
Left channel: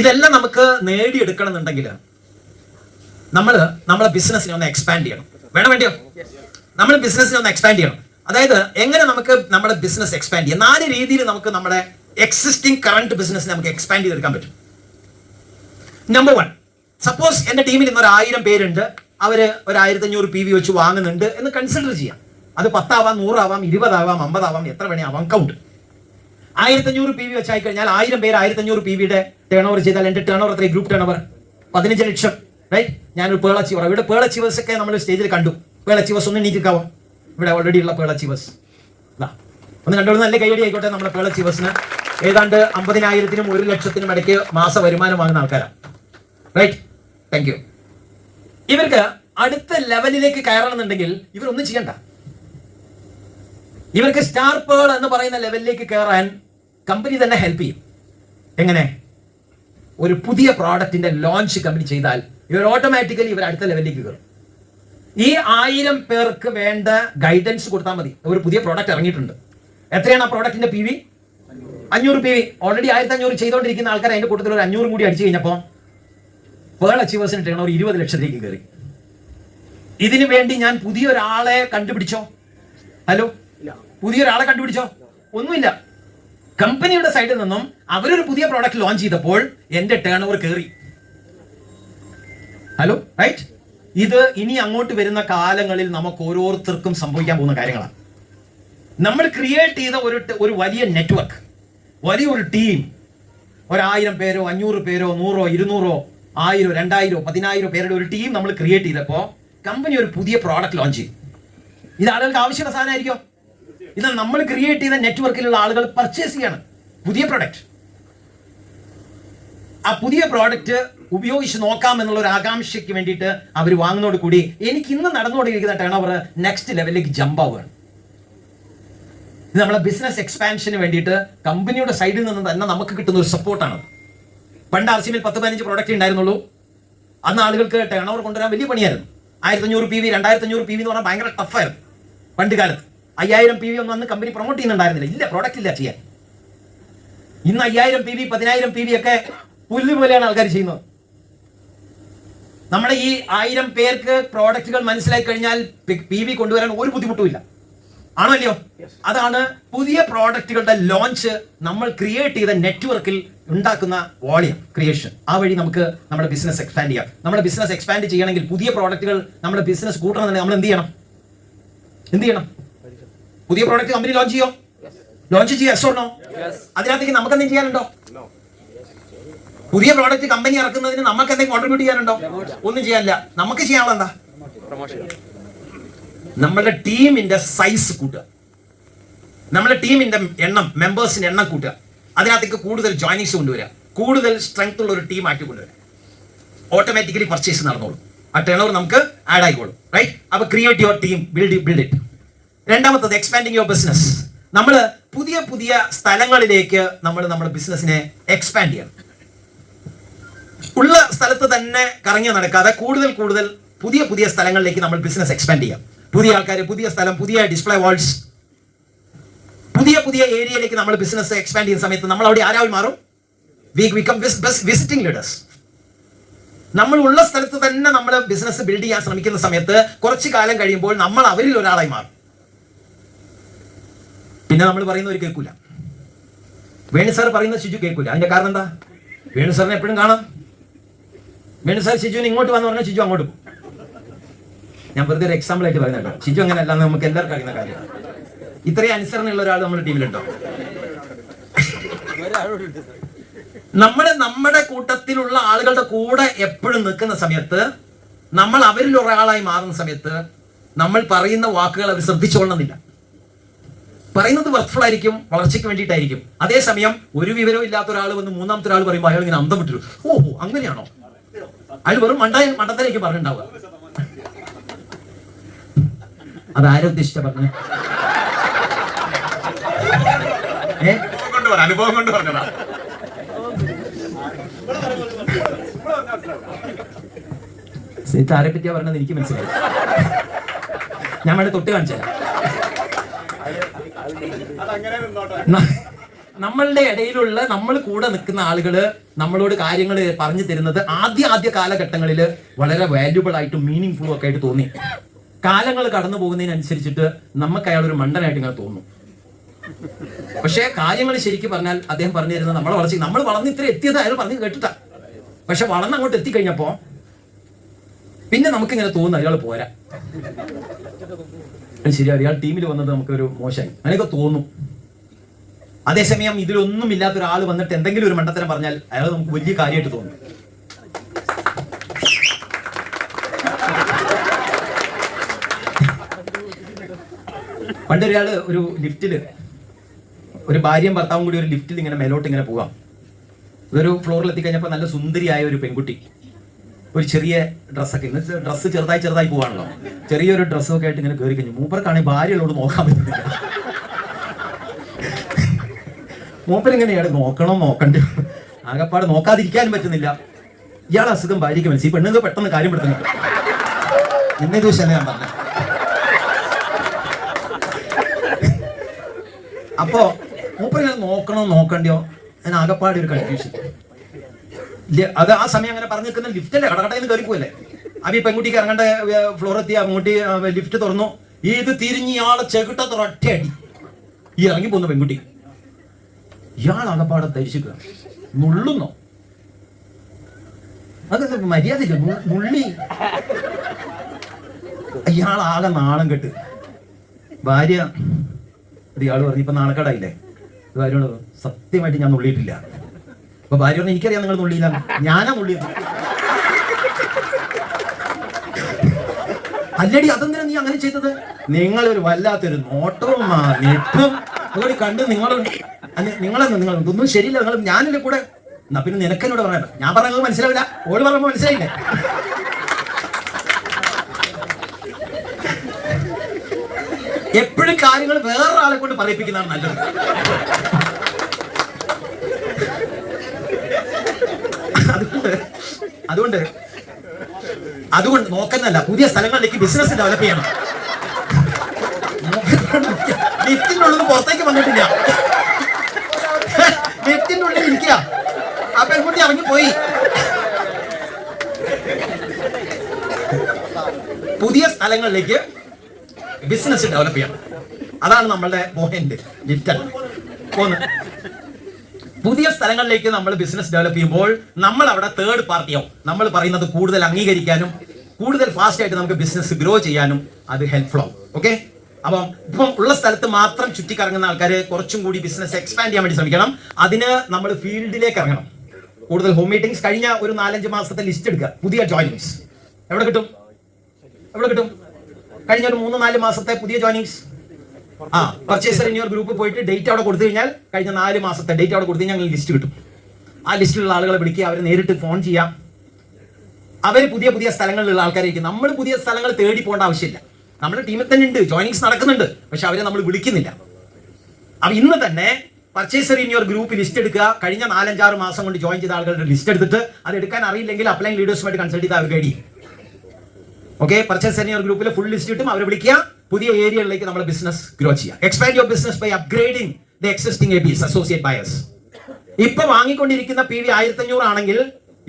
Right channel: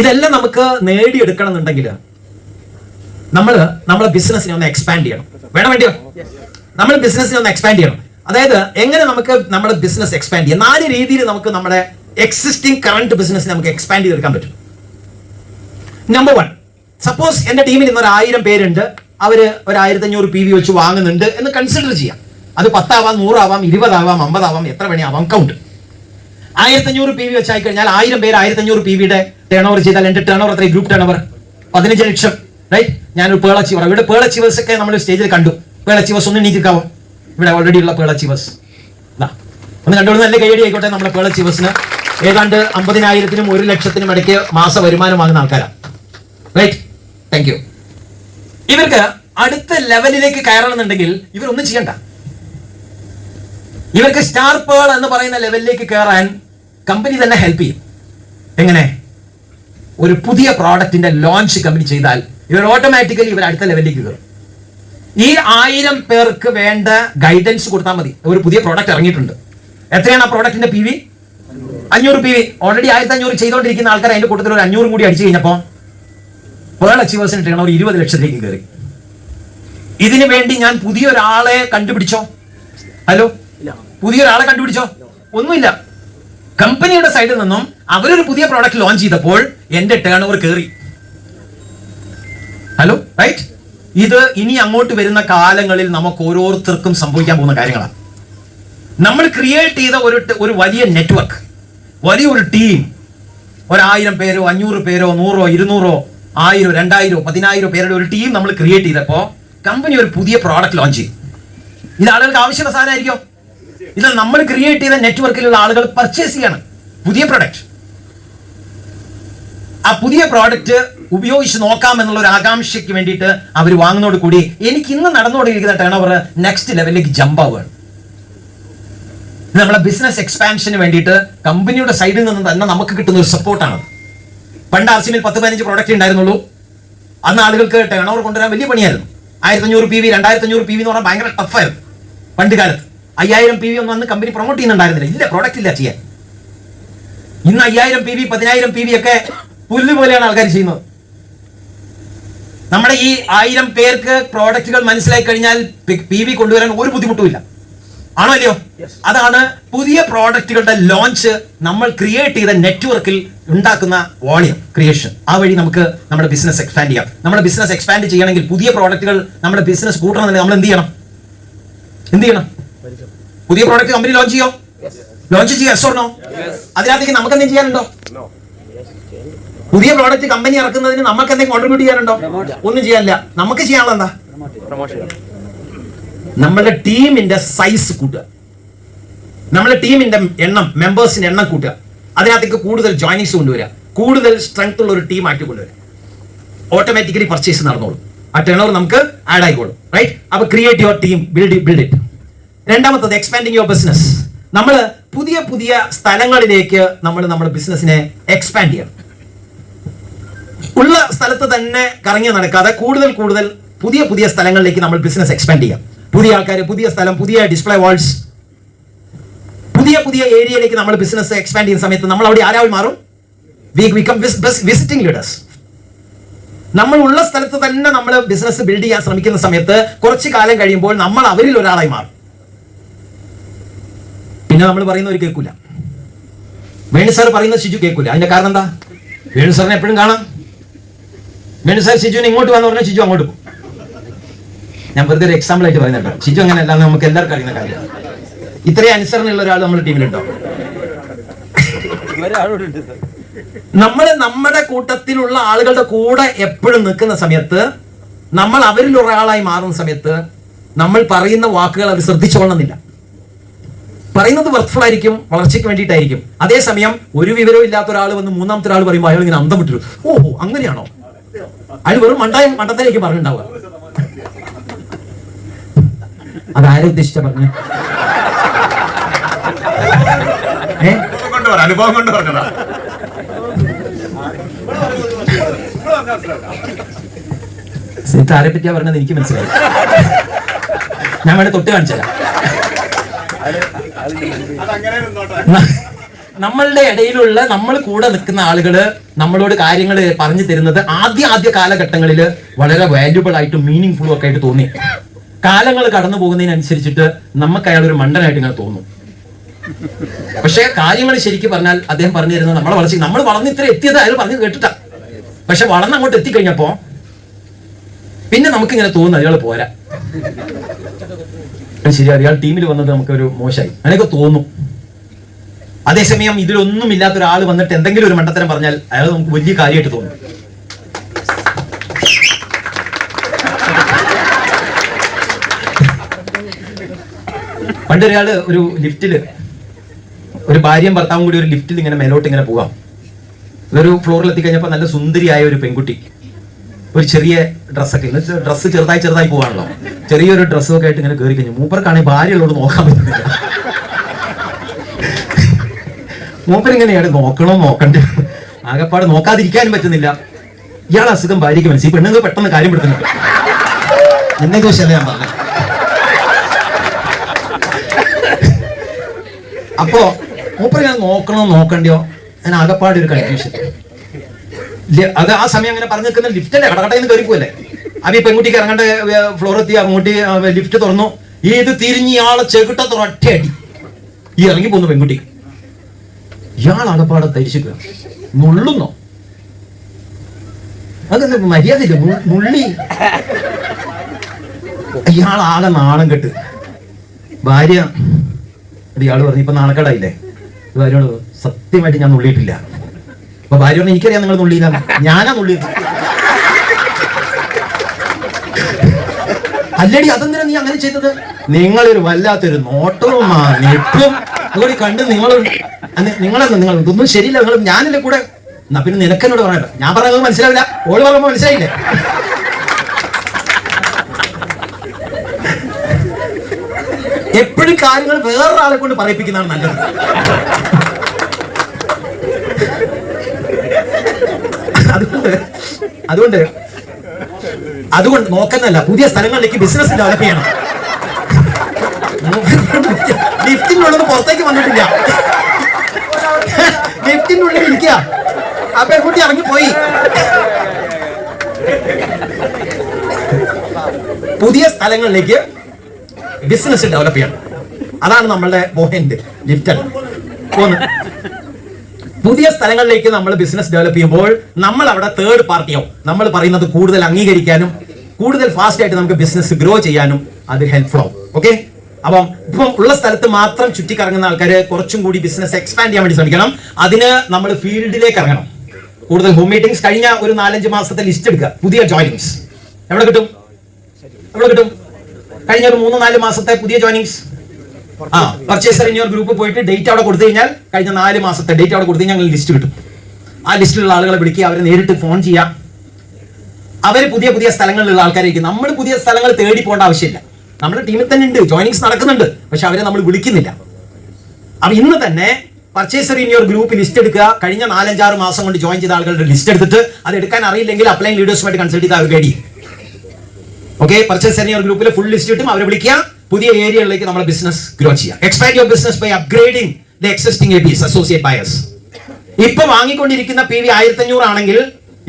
ഇതെല്ലാം നമുക്ക് നേടിയെടുക്കണം എന്നുണ്ടെങ്കിൽ നമ്മളെ ബിസിനസിനെ ഒന്ന് എക്സ്പാൻഡ് ചെയ്യണം. വേണ്ടിയോ? നമ്മൾ ബിസിനസിനെ ഒന്ന് എക്സ്പാൻഡ് ചെയ്യണം. അതായത് എങ്ങനെ നമുക്ക് നമ്മുടെ ബിസിനസ് എക്സ്പാൻഡ് ചെയ്യാം? 4 രീതിയിൽ നമുക്ക് നമ്മുടെ എക്സിസ്റ്റിംഗ് കറന്റ് ബിസിനസിനെ നമുക്ക് എക്സ്പാൻഡ് ചെയ്തെടുക്കാൻ പറ്റും. നമ്പർ 1, സപ്പോസ് എന്റെ ടീമിൽ ഇന്ന് 1000 പേരുണ്ട്. അവര് 1500 PV വെച്ച് വാങ്ങുന്നുണ്ട് എന്ന് കൺസിഡർ ചെയ്യാം. അത് 10 ആവാം, 100 ആവാം, 20 ആവാം, 50 ആവാം, എത്ര വേണേയാവാം. കൗണ്ട് 1500 PV വെച്ചായി കഴിഞ്ഞാൽ 1000 പേര് 1500 PV-യുടെ ടേൺ ഓവർ ചെയ്താൽ എന്റെ ടേൺ ഓവർ എത്ര? ഗ്രൂപ്പ് ടേൺ ഓവർ 15 ലക്ഷം. റൈറ്റ്. ഞാനൊരു പേൾ അച്ചീവർ. ഇവിടെ പേൾ അച്ചീവേഴ്സ് ഒക്കെ നമ്മൾ സ്റ്റേജിൽ കണ്ടു. പേൾ അച്ചീവേഴ്സ് ഒന്ന് നീക്കിക്കാവും. ഇവിടെ ഓൾറെഡി ഉള്ള പേൾ അച്ചീവേഴ്സ് ഒന്ന് കണ്ടോളൂ. നല്ല കൈയടി ആയിക്കോട്ടെ. നമ്മുടെ പേൾ അച്ചീവേഴ്സിന് ഏതാണ്ട് 50,000-നും 1,00,000-നും ഇടയ്ക്ക് മാസ വരുമാനം വാങ്ങുന്ന ആൾക്കാരാണ്. റൈറ്റ്. Thank you. ഇവർക്ക് അടുത്ത ലെവലിലേക്ക് കയറണമെന്നുണ്ടെങ്കിൽ ഇവരൊന്നും ചെയ്യണ്ട. ഇവർക്ക് സ്റ്റാർ പേൾ എന്ന് പറയുന്ന ലെവലിലേക്ക് കയറാൻ കമ്പനി തന്നെ ഹെൽപ്പ് ചെയ്യും. എങ്ങനെ? ഒരു പുതിയ പ്രോഡക്റ്റിന്റെ ലോഞ്ച് കമ്പനി ചെയ്താൽ ഇവർ ഓട്ടോമാറ്റിക്കലി ഇവർ അടുത്ത ലെവലിലേക്ക് കയറും. ഈ 1000 പേർക്ക് വേണ്ട ഗൈഡൻസ് കൊടുത്താൽ മതി. ഒരു പുതിയ പ്രോഡക്റ്റ് ഇറങ്ങിയിട്ടുണ്ട്. എത്രയാണ് ആ പ്രോഡക്റ്റിന്റെ PV? 500 PV. ഓൾറെഡി 1500 ചെയ്തുകൊണ്ടിരിക്കുന്ന ആൾക്കാർ അതിന്റെ കൂട്ടത്തിൽ ഒരു 500 കൂടി അടിച്ചു കഴിഞ്ഞപ്പോൾ പേൾ അച്ചീവേഴ്സിന് ടേൺ ഓവർ 20 ലക്ഷത്തിലേക്ക് കയറി. ഇതിനു വേണ്ടി ഞാൻ പുതിയൊരാളെ കണ്ടുപിടിച്ചോ? ഹലോ, പുതിയൊരാളെ കണ്ടുപിടിച്ചോ? ഒന്നുമില്ല. കമ്പനിയുടെ സൈഡിൽ നിന്നും അവരൊരു പുതിയ പ്രോഡക്റ്റ് ലോഞ്ച് ചെയ്തപ്പോൾ എന്റെ ടേൺ ഓവർ കയറി. Hello, right? ഇത് ഇനി അങ്ങോട്ട് വരുന്ന കാലങ്ങളിൽ നമുക്ക് ഓരോരുത്തർക്കും സംഭവിക്കാൻ പോകുന്ന കാര്യങ്ങളാണ്. നമ്മൾ ക്രിയേറ്റ് ചെയ്ത ഒരു വലിയ നെറ്റ്വർക്ക്, വലിയൊരു ടീം, 1000 പേരോ 500 പേരോ 100, 200, 1000, 2000, 10000 പേരുടെ ഒരു ടീം നമ്മൾ ക്രിയേറ്റ് ചെയ്തപ്പോൾ കമ്പനി ഒരു പുതിയ പ്രോഡക്റ്റ് ലോഞ്ച് ചെയ്യും. ഇത് ആളുകൾക്ക് ആവശ്യമുള്ള സാധനമായിരിക്കും. ഇത് നമ്മൾ ക്രിയേറ്റ് ചെയ്ത നെറ്റ്വർക്കിലുള്ള ആളുകൾ പർച്ചേസ് ചെയ്യണം പുതിയ പ്രോഡക്റ്റ്. ആ പുതിയ പ്രോഡക്റ്റ് ഉപയോഗിച്ച് നോക്കാം എന്നുള്ള ഒരു ആകാംക്ഷയ്ക്ക് വേണ്ടിയിട്ട് അവർ വാങ്ങുന്നതോട് കൂടി എനിക്ക് ഇന്ന് നടന്നുകൊണ്ടിരിക്കുന്ന ടേൺ ഓവർ നെക്സ്റ്റ് ലെവലിലേക്ക് ജമ്പ് ആവുകയാണ്. ഇത് നമ്മളെ ബിസിനസ് എക്സ്പാൻഷന് വേണ്ടിയിട്ട് കമ്പനിയുടെ സൈഡിൽ നിന്ന് തന്നെ നമുക്ക് കിട്ടുന്ന ഒരു സപ്പോർട്ടാണ്. പണ്ട് ആർസിമിൽ 10-15 പ്രോഡക്റ്റ് ഉണ്ടായിരുന്നുള്ളൂ. അന്ന് ആളുകൾക്ക് ടേൺ ഓവർ കൊണ്ടുവരാൻ വലിയ പണിയായിരുന്നു. 1500 PV 2500 PV എന്ന് പറഞ്ഞാൽ ഭയങ്കര ടഫായിരുന്നു പണ്ട് കാലത്ത്. 5000 PV ഒന്നും അന്ന് കമ്പനി പ്രൊമോട്ട് ചെയ്യുന്നുണ്ടായിരുന്നില്ല. ഇല്ല, പ്രോഡക്റ്റ് ഇല്ല ചെയ്യാൻ. ഇന്ന് 5000 PV 10000 PV ഒക്കെ പുല്ല് പോലെയാണ് ആൾക്കാർ ചെയ്യുന്നത്. നമ്മുടെ ഈ 1000 പേർക്ക് പ്രോഡക്റ്റുകൾ മനസ്സിലാക്കി കഴിഞ്ഞാൽ PV കൊണ്ടുവരാൻ ഒരു ബുദ്ധിമുട്ടുമില്ല. ആണോ അല്ലയോ? അതാണ് പുതിയ പ്രോഡക്റ്റുകളുടെ ലോഞ്ച്. നമ്മൾ ക്രിയേറ്റ് ചെയ്ത നെറ്റ്വർക്കിൽ ഉണ്ടാക്കുന്ന വോളിയം ക്രിയേഷൻ. ആ വഴി നമുക്ക് നമ്മുടെ ബിസിനസ് എക്സ്പാൻഡ് ചെയ്യാം. നമ്മുടെ ബിസിനസ് എക്സ്പാൻഡ് ചെയ്യണമെങ്കിൽ, പുതിയ പ്രോഡക്റ്റുകൾ നമ്മുടെ ബിസിനസ് കൂട്ടണമെങ്കിൽ നമ്മൾ എന്ത് ചെയ്യണം? പുതിയ പ്രോഡക്റ്റ് കമ്പനി ലോഞ്ച് ചെയ്യോ? ലോഞ്ച് ചെയ്യോ? Yes or no? അതിനകത്തേക്ക് നമുക്ക് എന്തെങ്കിലും ചെയ്യാനുണ്ടോ? പുതിയ പ്രോഡക്റ്റ് കമ്പനി ഇറക്കുന്നതിന് നമുക്ക് എന്തെങ്കിലും കോൺട്രിബ്യൂട്ട് ചെയ്യാനുണ്ടോ? ഒന്നും ചെയ്യാനില്ല. നമുക്ക് ചെയ്യാനുള്ള എന്താ? നമ്മുടെ ടീമിന്റെ സൈസ് കൂട്ടുക, നമ്മുടെ ടീമിന്റെ എണ്ണം, മെമ്പേഴ്സിന്റെ എണ്ണം കൂട്ടുക, അതിനകത്തേക്ക് കൂടുതൽ ജോയിനിങ്സ് കൊണ്ടുവരിക, കൂടുതൽ സ്ട്രെങ്ത് ഉള്ള ഒരു ടീം ആക്കി കൊണ്ടുവരിക. ഓട്ടോമാറ്റിക്കലി പർച്ചേസ് നടന്നോളും. ആ ടേൺ ഓവർ നമുക്ക് ആഡ് ആയിക്കോളും. റൈറ്റ്? അപ്പൊ create your team, build it. രണ്ടാമത്തത് എക്സ്പാൻഡിങ് യുവർ ബിസിനസ്. നമ്മൾ പുതിയ പുതിയ സ്ഥലങ്ങളിലേക്ക് നമ്മുടെ ബിസിനസിനെ എക്സ്പാൻഡ് ചെയ്യണം. ഉള്ള സ്ഥലത്ത് തന്നെ കറങ്ങി നടക്കാതെ കൂടുതൽ പുതിയ പുതിയ സ്ഥലങ്ങളിലേക്ക് നമ്മൾ ബിസിനസ് എക്സ്പാൻഡ് ചെയ്യാം. പുതിയ ആൾക്കാർ, പുതിയ സ്ഥലം, പുതിയ ഡിസ്പ്ലേ വാൾസ്, പുതിയ ഏരിയയിലേക്ക് നമ്മൾ ബിസിനസ് എക്സ്പാൻഡ് ചെയ്യുന്ന സമയത്ത് നമ്മൾ അവിടെ ആരായി മാറും? We become visiting leaders. നമ്മൾ ഉള്ള സ്ഥലത്ത് തന്നെ നമ്മൾ ബിസിനസ് ബിൽഡ് ചെയ്യാൻ ശ്രമിക്കുന്ന സമയത്ത് കുറച്ച് കാലം കഴിയുമ്പോൾ നമ്മൾ അവരിൽ ഒരാളായി മാറും. പിന്നെ നമ്മൾ പറയുന്ന ഒരു കേൾക്കൂല. വേണു സാർ പറയുന്നത് ഷിജു കേൾക്കൂല. അതിന്റെ കാരണം എന്താ? വേണു സാറിനെ എപ്പോഴും കാണാം. വേണു സാർ ഷിജുവിനെ ഇങ്ങോട്ട് വന്ന് പറഞ്ഞാൽ ഷിജു അങ്ങോട്ട് പോകും. ഞാൻ വെറുതെ ഒരു എക്സാമ്പിൾ ആയിട്ട് പറയുന്നുണ്ടോ. ഷിജു അങ്ങനെ അല്ലാന്ന് നമുക്ക് എല്ലാവർക്കും അറിയുന്ന കാര്യമാണ്. ഇത്രയും അനുസരണയുള്ള ഒരാൾ നമ്മുടെ ടീമിലുണ്ടോ? നമ്മുടെ കൂട്ടത്തിലുള്ള ആളുകളുടെ കൂടെ എപ്പോഴും നിൽക്കുന്ന സമയത്ത്, നമ്മൾ അവരിൽ ഒരാളായി മാറുന്ന സമയത്ത് നമ്മൾ പറയുന്ന വാക്കുകൾ അവർ ശ്രദ്ധിച്ചോളണമെന്നില്ല. പറയുന്നത് വർത്ത്ഫുൾ ആയിരിക്കും, വളർച്ചയ്ക്ക് വേണ്ടിയിട്ടായിരിക്കും. അതേസമയം ഒരു വിവരവും ഇല്ലാത്ത ഒരാൾ വന്ന് മൂന്നാമത്തെ ഒരാൾ പറയുമ്പോൾ അയാൾ ഇങ്ങനെ അന്തം വിട്ടു. ഓഹോ, അങ്ങനെയാണോ? അയാൾ വെറും മണ്ടത്തിലേക്ക് പറഞ്ഞിട്ടുണ്ടാവുക. അതാരെ ഉദ്ദേശിച്ച പറഞ്ഞു? അനുഭവം കൊണ്ട് പറഞ്ഞതാ. ആരെ പറ്റിയാ പറഞ്ഞത് എനിക്ക് മനസ്സിലായി. ഞാൻ വേണേ തൊട്ട് കാണിച്ചുതരാം. നമ്മളുടെ ഇടയിലുള്ള, നമ്മൾ കൂടെ നിൽക്കുന്ന ആളുകള് നമ്മളോട് കാര്യങ്ങൾ പറഞ്ഞു തരുന്നത് ആദ്യ കാലഘട്ടങ്ങളിൽ വളരെ വാല്യുബിൾ ആയിട്ടും മീനിങ് ഫുള്ളും ഒക്കെ ആയിട്ട് തോന്നി. കാലങ്ങൾ കടന്നു പോകുന്നതിനനുസരിച്ചിട്ട് നമുക്ക് അയാൾ ഒരു മണ്ടനായിട്ട് ഇങ്ങനെ തോന്നും. പക്ഷെ കാര്യങ്ങൾ ശരിക്കും പറഞ്ഞാൽ അദ്ദേഹം പറഞ്ഞു തരുന്നത് നമ്മളെ വളർച്ച, നമ്മൾ വളർന്ന് ഇത്ര എത്തിയത് അയാൾ പറഞ്ഞു കേട്ടിട്ടാ. പക്ഷെ വളർന്ന് അങ്ങോട്ട് എത്തിക്കഴിഞ്ഞപ്പോ പിന്നെ നമുക്കിങ്ങനെ തോന്നുന്നു അയാൾ പോരാ, ശരി അയാൾ ടീമിൽ വന്നത് നമുക്കൊരു മോശമായി അങ്ങനെയൊക്കെ തോന്നും. അതേസമയം ഇതിലൊന്നും ഇല്ലാത്ത ഒരാൾ വന്നിട്ട് എന്തെങ്കിലും ഒരു മണ്ടത്തരം പറഞ്ഞാൽ അയാൾ നമുക്ക് വലിയ കാര്യമായിട്ട് തോന്നും. പണ്ടൊരാള് ഒരു ലിഫ്റ്റില്, ഒരു ഭാര്യയും ഭർത്താവും കൂടി ഒരു ലിഫ്റ്റിൽ ഇങ്ങനെ മേലോട്ട് ഇങ്ങനെ പോകാം. ഒരു ഫ്ലോറിൽ എത്തിക്കഴിഞ്ഞപ്പോൾ നല്ല സുന്ദരിയായ ഒരു പെൺകുട്ടി, ഒരു ചെറിയ ഡ്രസ്സൊക്കെ, ഡ്രസ്സ് ചെറുതായി പോകാണല്ലോ, ചെറിയൊരു ഡ്രസ്സൊക്കെ ആയിട്ട് ഇങ്ങനെ കയറി കഴിഞ്ഞു. മൂപ്പർക്കാണെങ്കിൽ ഭാര്യയുള്ളോട് നോക്കാൻ പറ്റുന്നില്ല. മൂപ്പരിങ്ങനെയാണ് നോക്കണ്ടേ, ആകെപ്പാട് നോക്കാതിരിക്കാനും പറ്റുന്നില്ല. ഇയാൾ അസുഖം ഭാര്യയ്ക്ക് മനസ്സിൽ, പെണ്ണുങ്ങൾ പെട്ടെന്ന് കാര്യം പെടുത്തുന്നുണ്ട്. എന്നെ ചോദിച്ചല്ലേ ഞാൻ പറഞ്ഞു. അപ്പോ മൂപ്പര് ഞാൻ നോക്കണ്ടോ, ഞാൻ ആകെപ്പാട് ഒരു കൺഫ്യൂഷൻ. അത് ആ സമയം അങ്ങനെ പറഞ്ഞു നിൽക്കുന്ന ലിഫ്റ്റല്ലേ, കടകടയിൽ നിന്ന് കയറിപ്പോല്ലേ. അപ്പൊ ഈ പെൺകുട്ടിക്ക് ഇറങ്ങേണ്ട ഫ്ലോർ എത്തി, അങ്ങോട്ട് ലിഫ്റ്റ് തുറന്നു. ഇത് തിരിഞ്ഞ് ഇയാളെ ചെകിട്ട ഒറ്റയടി. ഈ ഇറങ്ങിപ്പോന്ന പെൺകുട്ടി. ഇയാൾ അകപ്പാടെ തരിച്ചിക്കുക, നുള്ളുന്നോ? അതൊക്കെ മര്യാദയില്ല, നുള്ളി. ഇയാളാകെ നാണം കെട്ട്. ഭാര്യ ഇയാള് പറഞ്ഞു, ഇപ്പൊ നാണക്കേടായില്ലേ? ഭാര്യയോട് സത്യമായിട്ട് ഞാൻ നുള്ളിയിട്ടില്ല. അപ്പൊ ഭാര്യ പറഞ്ഞു, എനിക്കറിയാം നിങ്ങൾ നുള്ളിയില്ല, ഞാനാ നുള്ളിയത്. അല്ലടി, അതെന്തിനാ നീ അങ്ങനെ ചെയ്തത്? നിങ്ങളൊരു വല്ലാത്തൊരു നോട്ടവും നെട്ടും അതുകൂടി കണ്ട് നിങ്ങൾ ഇതൊന്നും ശരിയില്ല, നിങ്ങൾ ഞാനല്ലേ കൂടെ. എന്നാ പിന്നെ നിനക്കെന്നോട് പറയണ്ട. ഞാൻ പറഞ്ഞത് മനസ്സിലാവില്ല, ഓള് പറയുമ്പോ മനസ്സിലായില്ലേ? എപ്പോഴും കാര്യങ്ങൾ വേറൊരാളെ കൊണ്ട് പറയിപ്പിക്കുന്നതാണ് നല്ലത്. അതുകൊണ്ട് നോക്കുന്നല്ല, പുതിയ സ്ഥലങ്ങളിലേക്ക് ബിസിനസ് ഡെവലപ്പ് ചെയ്യണം. ലിഫ്റ്റിനുള്ളിൽ പുറത്തേക്ക് വന്നിട്ടില്ല, ലിഫ്റ്റിനുള്ളിൽ ഇരിക്കുക. ആ പെൺകുട്ടി ഇറങ്ങിപ്പോയി. പുതിയ സ്ഥലങ്ങളിലേക്ക് ബിസിനസ് ഡെവലപ്പ് ചെയ്യണം, അതാണ് നമ്മളുടെ പോയിന്റ്. ലിഫ്റ്റ് പുതിയ സ്ഥലങ്ങളിലേക്ക് നമ്മൾ ബിസിനസ് ഡെവലപ്പ് ചെയ്യുമ്പോൾ നമ്മൾ അവിടെ തേർഡ് പാർട്ടിയോ നമ്മൾ പറയുന്നത് കൂടുതൽ അംഗീകരിക്കാനും കൂടുതൽ ഫാസ്റ്റ് ആയിട്ട് നമുക്ക് ബിസിനസ് ഗ്രോ ചെയ്യാനും അത് ഹെൽപ്ഫുൾ ആവും. ഓക്കെ, അപ്പം ഇപ്പം ഉള്ള സ്ഥലത്ത് മാത്രം ചുറ്റിക്കറങ്ങുന്ന ആൾക്കാർ കുറച്ചും കൂടി ബിസിനസ് എക്സ്പാൻഡ് ചെയ്യാൻ വേണ്ടി ശ്രമിക്കണം. അതിന് നമ്മൾ ഫീൽഡിലേക്ക് ഇറങ്ങണം. കൂടുതൽ ഹോം മീറ്റിംഗ്സ്. കഴിഞ്ഞ ഒരു 4-5 മാസത്തെ ലിസ്റ്റ് എടുക്കുക. പുതിയ ജോയിനിങ്സ് എവിടെ കിട്ടും? കഴിഞ്ഞ ഒരു 3-4 മാസത്തെ പുതിയ ജോയിനിങ്സ്. പർച്ചേസർ ഇൻ യുവർ ഗ്രൂപ്പ് പോയിട്ട് ഡേറ്റ് അവിടെ കൊടുത്തു കഴിഞ്ഞാൽ കഴിഞ്ഞ 4 മാസത്തെ ഡേറ്റ് അവിടെ കൊടുത്തു കഴിഞ്ഞാൽ ലിസ്റ്റ് കിട്ടും. ആ ലിസ്റ്റിലുള്ള ആളുകളെ വിളിക്കുക, അവരെ നേരിട്ട് ഫോൺ ചെയ്യാം. അവർ പുതിയ സ്ഥലങ്ങളിലുള്ള ആൾക്കാരായിരിക്കും. നമ്മൾ പുതിയ സ്ഥലങ്ങൾ തേടി പോകേണ്ട ആവശ്യമില്ല. നമ്മുടെ ടീമിൽ തന്നെ ഉണ്ട്, ജോയിനിങ്സ് നടക്കുന്നുണ്ട്, പക്ഷെ അവരെ നമ്മൾ വിളിക്കുന്നില്ല. അപ്പൊ ഇന്ന് തന്നെ purchaser in your group list എടുക്കുക. കഴിഞ്ഞ 4-5-6 മാസം കൊണ്ട് ജോയിൻ ചെയ്ത ആളുകളുടെ ലിസ്റ്റ് എടുത്തിട്ട് അത് എടുക്കാൻ അറിയില്ലെങ്കിൽ അപ്ലൈൻ ലീഡേഴ്സുമായിട്ട് കൺസൾട്ട് ചെയ്ത് അവർ guide. Okay, purchaser in your ഗ്രൂപ്പിൽ ഫുൾ ലിസ്റ്റ് കിട്ടും. അവരെ വിളിക്കുക, പുതിയ ഏരിയകളിലേക്ക് നമ്മുടെ ബിസിനസ് ഗ്രോ ചെയ്യാം. Expand your business by upgrading the existing ABs, associate buyers. ഇപ്പൊ വാങ്ങിക്കൊണ്ടിരിക്കുന്ന PV 1500 ആണെങ്കിൽ,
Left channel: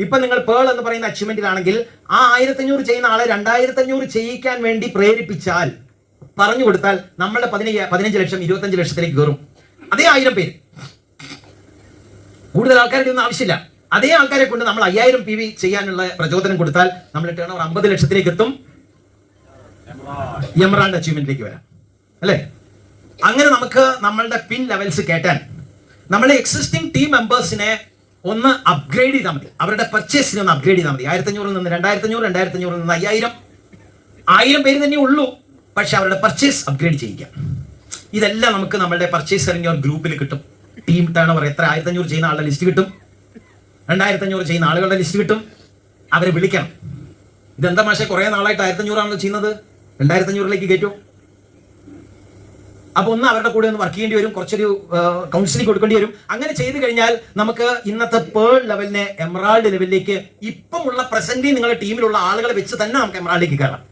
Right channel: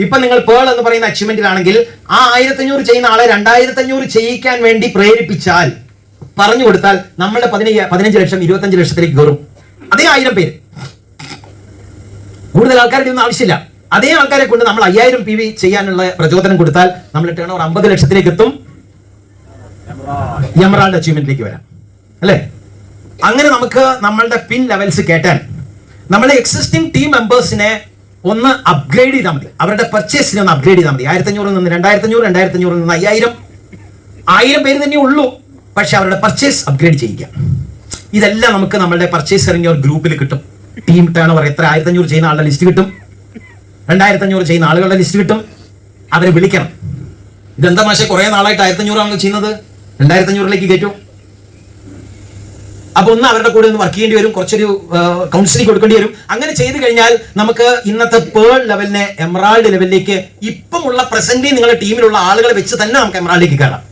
ഇപ്പൊ നിങ്ങൾ പേൾ എന്ന് പറയുന്ന അച്ചീവ്മെന്റിലാണെങ്കിൽ, ആ 1500 ചെയ്യുന്ന ആളെ 2500 ചെയ്യിക്കാൻ വേണ്ടി പ്രേരിപ്പിച്ചാൽ, പറഞ്ഞു കൊടുത്താൽ, നമ്മളുടെ 15 ലക്ഷം 25 ലക്ഷത്തിലേക്ക് കയറും. അതേ 1000 പേര്, കൂടുതൽ ആൾക്കാരുടെ ഒന്നും ആവശ്യമില്ല. അതേ ആൾക്കാരെ കൊണ്ട് നമ്മൾ 5000 PV ചെയ്യാനുള്ള പ്രചോദനം കൊടുത്താൽ നമ്മൾ ടേൺ ഓവർ 50 ലക്ഷത്തിലേക്ക് എത്തും. എമറാൾഡ് അച്ചീവ്മെന്റിലേക്ക് വരാം, അല്ലേ? അങ്ങനെ നമുക്ക് നമ്മളുടെ പിൻ ലെവൽസ് കേട്ടാൻ നമ്മളെ എക്സിസ്റ്റിംഗ് ടീം മെമ്പേഴ്സിനെ ഒന്ന് അപ്ഗ്രേഡ് ചെയ്താൽ മതി. അവരുടെ പർച്ചേസിനെ ഒന്ന് അപ്ഗ്രേഡ് ചെയ്താൽ മതി. 1500 നിന്ന് 2500, 2500 നിന്ന് 5000 പേര് തന്നെ ഉള്ളൂ, പക്ഷെ അവരുടെ പർച്ചേസ് അപ്ഗ്രേഡ് ചെയ്യിക്കാം. ഇതെല്ലാം നമുക്ക് നമ്മളുടെ പർച്ചേസർ ഇൻ യുവർ ഗ്രൂപ്പിൽ കിട്ടും. ടീം ടേൺ ഓവർ എത്ര 1500 ചെയ്യുന്ന ആളുടെ ലിസ്റ്റ് കിട്ടും, 2500 ചെയ്യുന്ന ആളുകളുടെ ലിസ്റ്റ് കിട്ടും. അവരെ വിളിക്കണം. ഇതെന്താ മാഷെ കുറെ നാളായിട്ട് 1500 ആണല്ലോ ചെയ്യുന്നത്, 2500ലേക്ക് കയറ്റും. അപ്പൊ ഒന്ന് അവരുടെ കൂടെ ഒന്ന് വർക്ക് ചെയ്യേണ്ടി വരും, കുറച്ചൊരു കൗൺസിലിംഗ് കൊടുക്കേണ്ടി വരും. അങ്ങനെ ചെയ്തു കഴിഞ്ഞാൽ നമുക്ക് ഇന്നത്തെ പേൾ ലെവലിനെ എമറാൾഡ് ലെവലിലേക്ക് ഇപ്പമുള്ള പ്രസന്റ് നിങ്ങളുടെ ടീമിലുള്ള ആളുകളെ വെച്ച് തന്നെ നമുക്ക് എമറാൾഡിലേക്ക് കയറാം.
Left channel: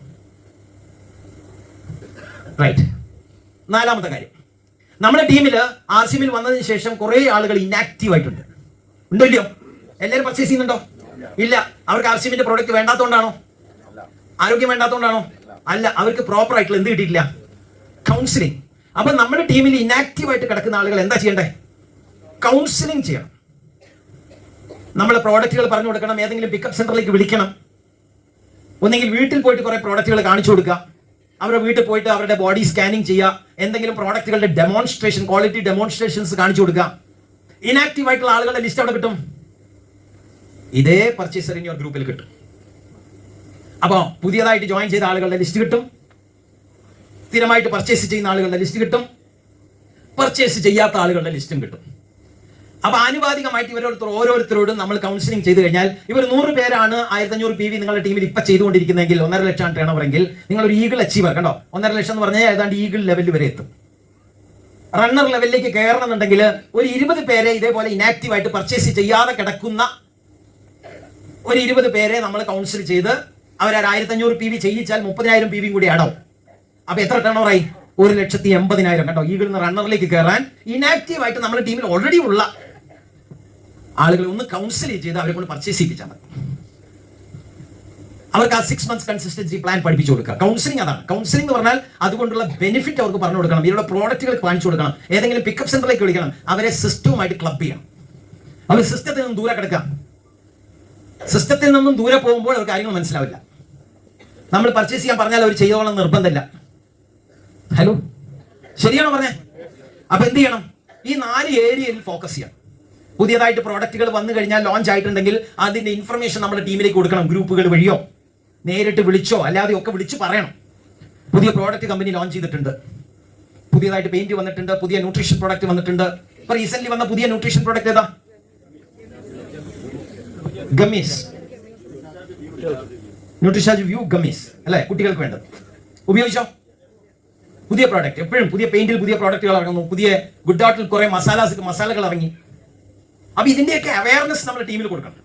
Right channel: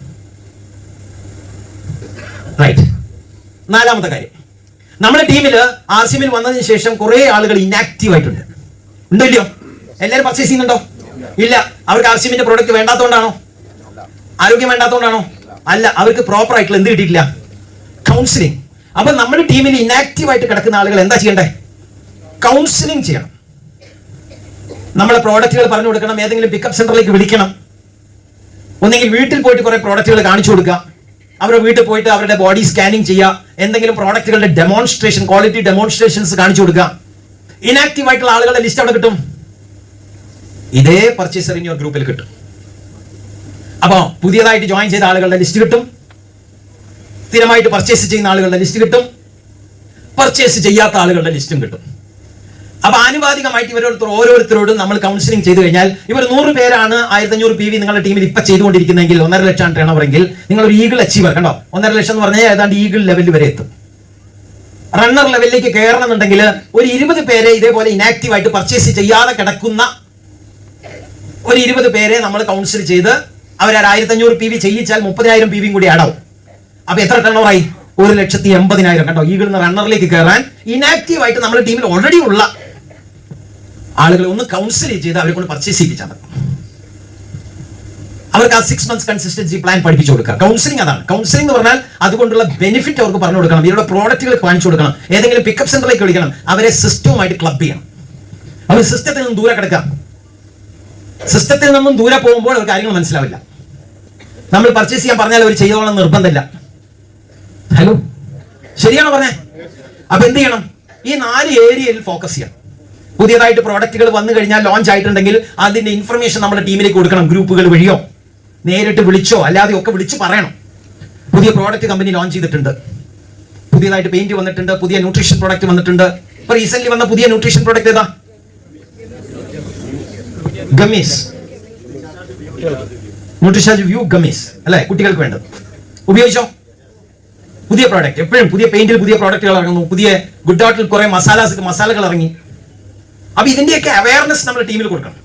റൈറ്റ്. 4ാമത്തെ കാര്യം, നമ്മുടെ ടീമില് RCMൽ വന്നതിന് ശേഷം കുറെ ആളുകൾ ഇനാക്റ്റീവ് ആയിട്ടുണ്ട്. ഉണ്ടോ ഇല്ലയോ? എല്ലാവരും പർച്ചേസ് ചെയ്യുന്നുണ്ടോ? ഇല്ല. അവർക്ക് RCMന്റെ പ്രോഡക്റ്റ് വേണ്ടാത്തതുകൊണ്ടാണോ? ആരോഗ്യം വേണ്ടാത്തതുകൊണ്ടാണോ? അല്ല, അവർക്ക് പ്രോപ്പർ ആയിട്ടുള്ള എന്ത് കിട്ടിയിട്ടില്ല? കൗൺസിലിംഗ്. അപ്പൊ നമ്മുടെ ടീമിൽ ഇനാക്റ്റീവ് ആയിട്ട് കിടക്കുന്ന ആളുകൾ എന്താ ചെയ്യണ്ടേ? കൗൺസിലിംഗ് ചെയ്യണം. നമ്മളെ പ്രോഡക്റ്റുകൾ പറഞ്ഞു കൊടുക്കണം. ഏതെങ്കിലും പിക്കപ്പ് സെന്ററിലേക്ക് വിളിക്കണം. ഒന്നെങ്കിൽ വീട്ടിൽ പോയിട്ട് കുറെ പ്രോഡക്റ്റുകൾ കാണിച്ചു കൊടുക്കുക. അവരുടെ വീട്ടിൽ പോയിട്ട് അവരുടെ ബോഡി സ്കാനിങ് ചെയ്യുക. എന്തെങ്കിലും പ്രോഡക്റ്റുകളുടെ ഡെമോൺസ്ട്രേഷൻ, ക്വാളിറ്റി ഡെമോൺസ്ട്രേഷൻസ് കാണിച്ചു കൊടുക്കുക. ഇനാക്റ്റീവ് ആയിട്ടുള്ള ആളുകളുടെ ലിസ്റ്റ് അവിടെ കിട്ടും. ഇതേ പർച്ചേസർ ഇൻ യുവർ ഗ്രൂപ്പിൽ കിട്ടും. അപ്പോ പുതിയതായിട്ട് ജോയിൻ ചെയ്ത ആളുകളുടെ ലിസ്റ്റ് കിട്ടും, സ്ഥിരമായിട്ട് പർച്ചേസ് ചെയ്യുന്ന ആളുകളുടെ ലിസ്റ്റ് കിട്ടും, പർച്ചേസ് ചെയ്യാത്ത ആളുകളുടെ ലിസ്റ്റും കിട്ടും. അപ്പൊ ആനുപാതികമായിട്ട് ഓരോരുത്തരോടും നമ്മൾ കൗൺസിലിംഗ് ചെയ്തു കഴിഞ്ഞാൽ, ഇവർ 100 പേരാണ് 1500 PV നിങ്ങളുടെ ടീമിൽ ഇപ്പൊ ചെയ്തുകൊണ്ടിരിക്കുന്നെങ്കിൽ 1.5 ലക്ഷം ടേൺ ഓവർ എങ്കിൽ നിങ്ങൾ ഒരു ഈഗിൾ അച്ചീവർ, കണ്ടോ, 1.5 ലക്ഷം എന്ന് പറഞ്ഞാൽ ഏതാണ്ട് ഈഗിൾ ലെവലിൽ വരെ എത്തും. റണ്ണർ ലെവലിലേക്ക് കയറണമെന്നുണ്ടെങ്കിൽ ഒരു 20 പേരെ ഇതേപോലെ ഇനാക്റ്റീവ് ആയിട്ട് പർച്ചേസ് ചെയ്യാതെ കിടക്കുന്ന ഒരു 20 പേരെ നമ്മൾ കൗൺസിൽ ചെയ്ത് അവർ 1500 PV ചെയ്യിച്ചാൽ 30,000 PV കൂടി ആടാവും. അപ്പൊ എത്ര ടേൺ ഓവർ ആയി? 1,80,000. കണ്ടോ, ഈഗിൾ റണ്ണറിലേക്ക് കയറാൻ ഇനാക്റ്റീവ് ആയിട്ട് നമ്മുടെ ടീമിൽ ഓൾറെഡി ഉള്ള ആളുകളെ ഒന്ന് കൗൺസിൽ ചെയ്ത് അവരെ കൊണ്ട് പർച്ചേസ് ചെയ്യിപ്പിച്ചാൽ മതി. അവർക്ക് ആ 6 months കൺസിസ്റ്റൻസി പ്ലാൻ പഠിപ്പിച്ചു കൊടുക്കുക. കൗൺസിലിംഗ് അതാണ്. കൗൺസിലിംഗ് എന്ന് പറഞ്ഞാൽ അതുകൊണ്ടുള്ള ബെനിഫിറ്റ് അവർക്ക് പറഞ്ഞു കൊടുക്കണം, ഇവരുടെ പ്രോഡക്റ്റുകൾ കാണിച്ചു കൊടുക്കണം, ഏതെങ്കിലും പിക്കപ്പ് സെന്ററിലേക്ക് വിളിക്കണം, അവരെ സിസ്റ്റവുമായിട്ട് ക്ലബ് ചെയ്യണം. അവർ സിസ്റ്റത്തിൽ നിന്നും ദൂരെ കിടക്കാം. സിസ്റ്റത്തിൽ നിന്നും ദൂരെ പോകുമ്പോൾ അവർ കാര്യങ്ങൾ മനസ്സിലാവില്ല. നമ്മൾ പർച്ചേസ് ചെയ്യാൻ പറഞ്ഞാൽ അവർ ചെയ്തോളം നിർബന്ധമില്ല. ഹലോ, ശരിയാണോ പറഞ്ഞേ? അപ്പൊ എന്ത് ചെയ്യണം? ഈ 4 ഏരിയയിൽ ഫോക്കസ് ചെയ്യാം. പുതിയതായിട്ട് പ്രോഡക്റ്റുകൾ വന്നു കഴിഞ്ഞാൽ ലോഞ്ച് ആയിട്ടുണ്ടെങ്കിൽ അതിന്റെ ഇൻഫർമേഷൻ നമ്മുടെ ടീമിലേക്ക് കൊടുക്കണം. ഗ്രൂപ്പുകൾ വഴിയോ നേരിട്ട് വിളിച്ചോ അല്ലാതെ ഒക്കെ വിളിച്ച് പറയണം. പുതിയ പ്രോഡക്റ്റ് കമ്പനി ലോഞ്ച് ചെയ്തിട്ടുണ്ട്, പുതിയതായിട്ട് പെയിന്റ് വന്നിട്ടുണ്ട്, പുതിയ ന്യൂട്രീഷൻ പ്രോഡക്റ്റ് വന്നിട്ടുണ്ട്. ഇപ്പൊ റീസെന്റ് വന്ന പുതിയ ന്യൂട്രീഷൻ പ്രോഡക്റ്റ് ഏതാ? ഗമീസ്, ന്യൂട്രിഷാജ് വ്യൂ ഗമീസ് അല്ലെ, കുട്ടികൾക്ക് വേണ്ടത്. ഉപയോഗിച്ചോ? പുതിയ പ്രോഡക്റ്റ്. എപ്പോഴും പുതിയ പെയിന്റിൽ പുതിയ പ്രോഡക്റ്റുകൾ ഇറങ്ങുന്നു, പുതിയ ഗുഡ് ആർട്ടിൽ കുറെ മസാലകൾ ഇറങ്ങി. അപ്പൊ ഇതിന്റെയൊക്കെ അവയർനെസ് നമ്മുടെ ടീമിൽ കൊടുക്കണം.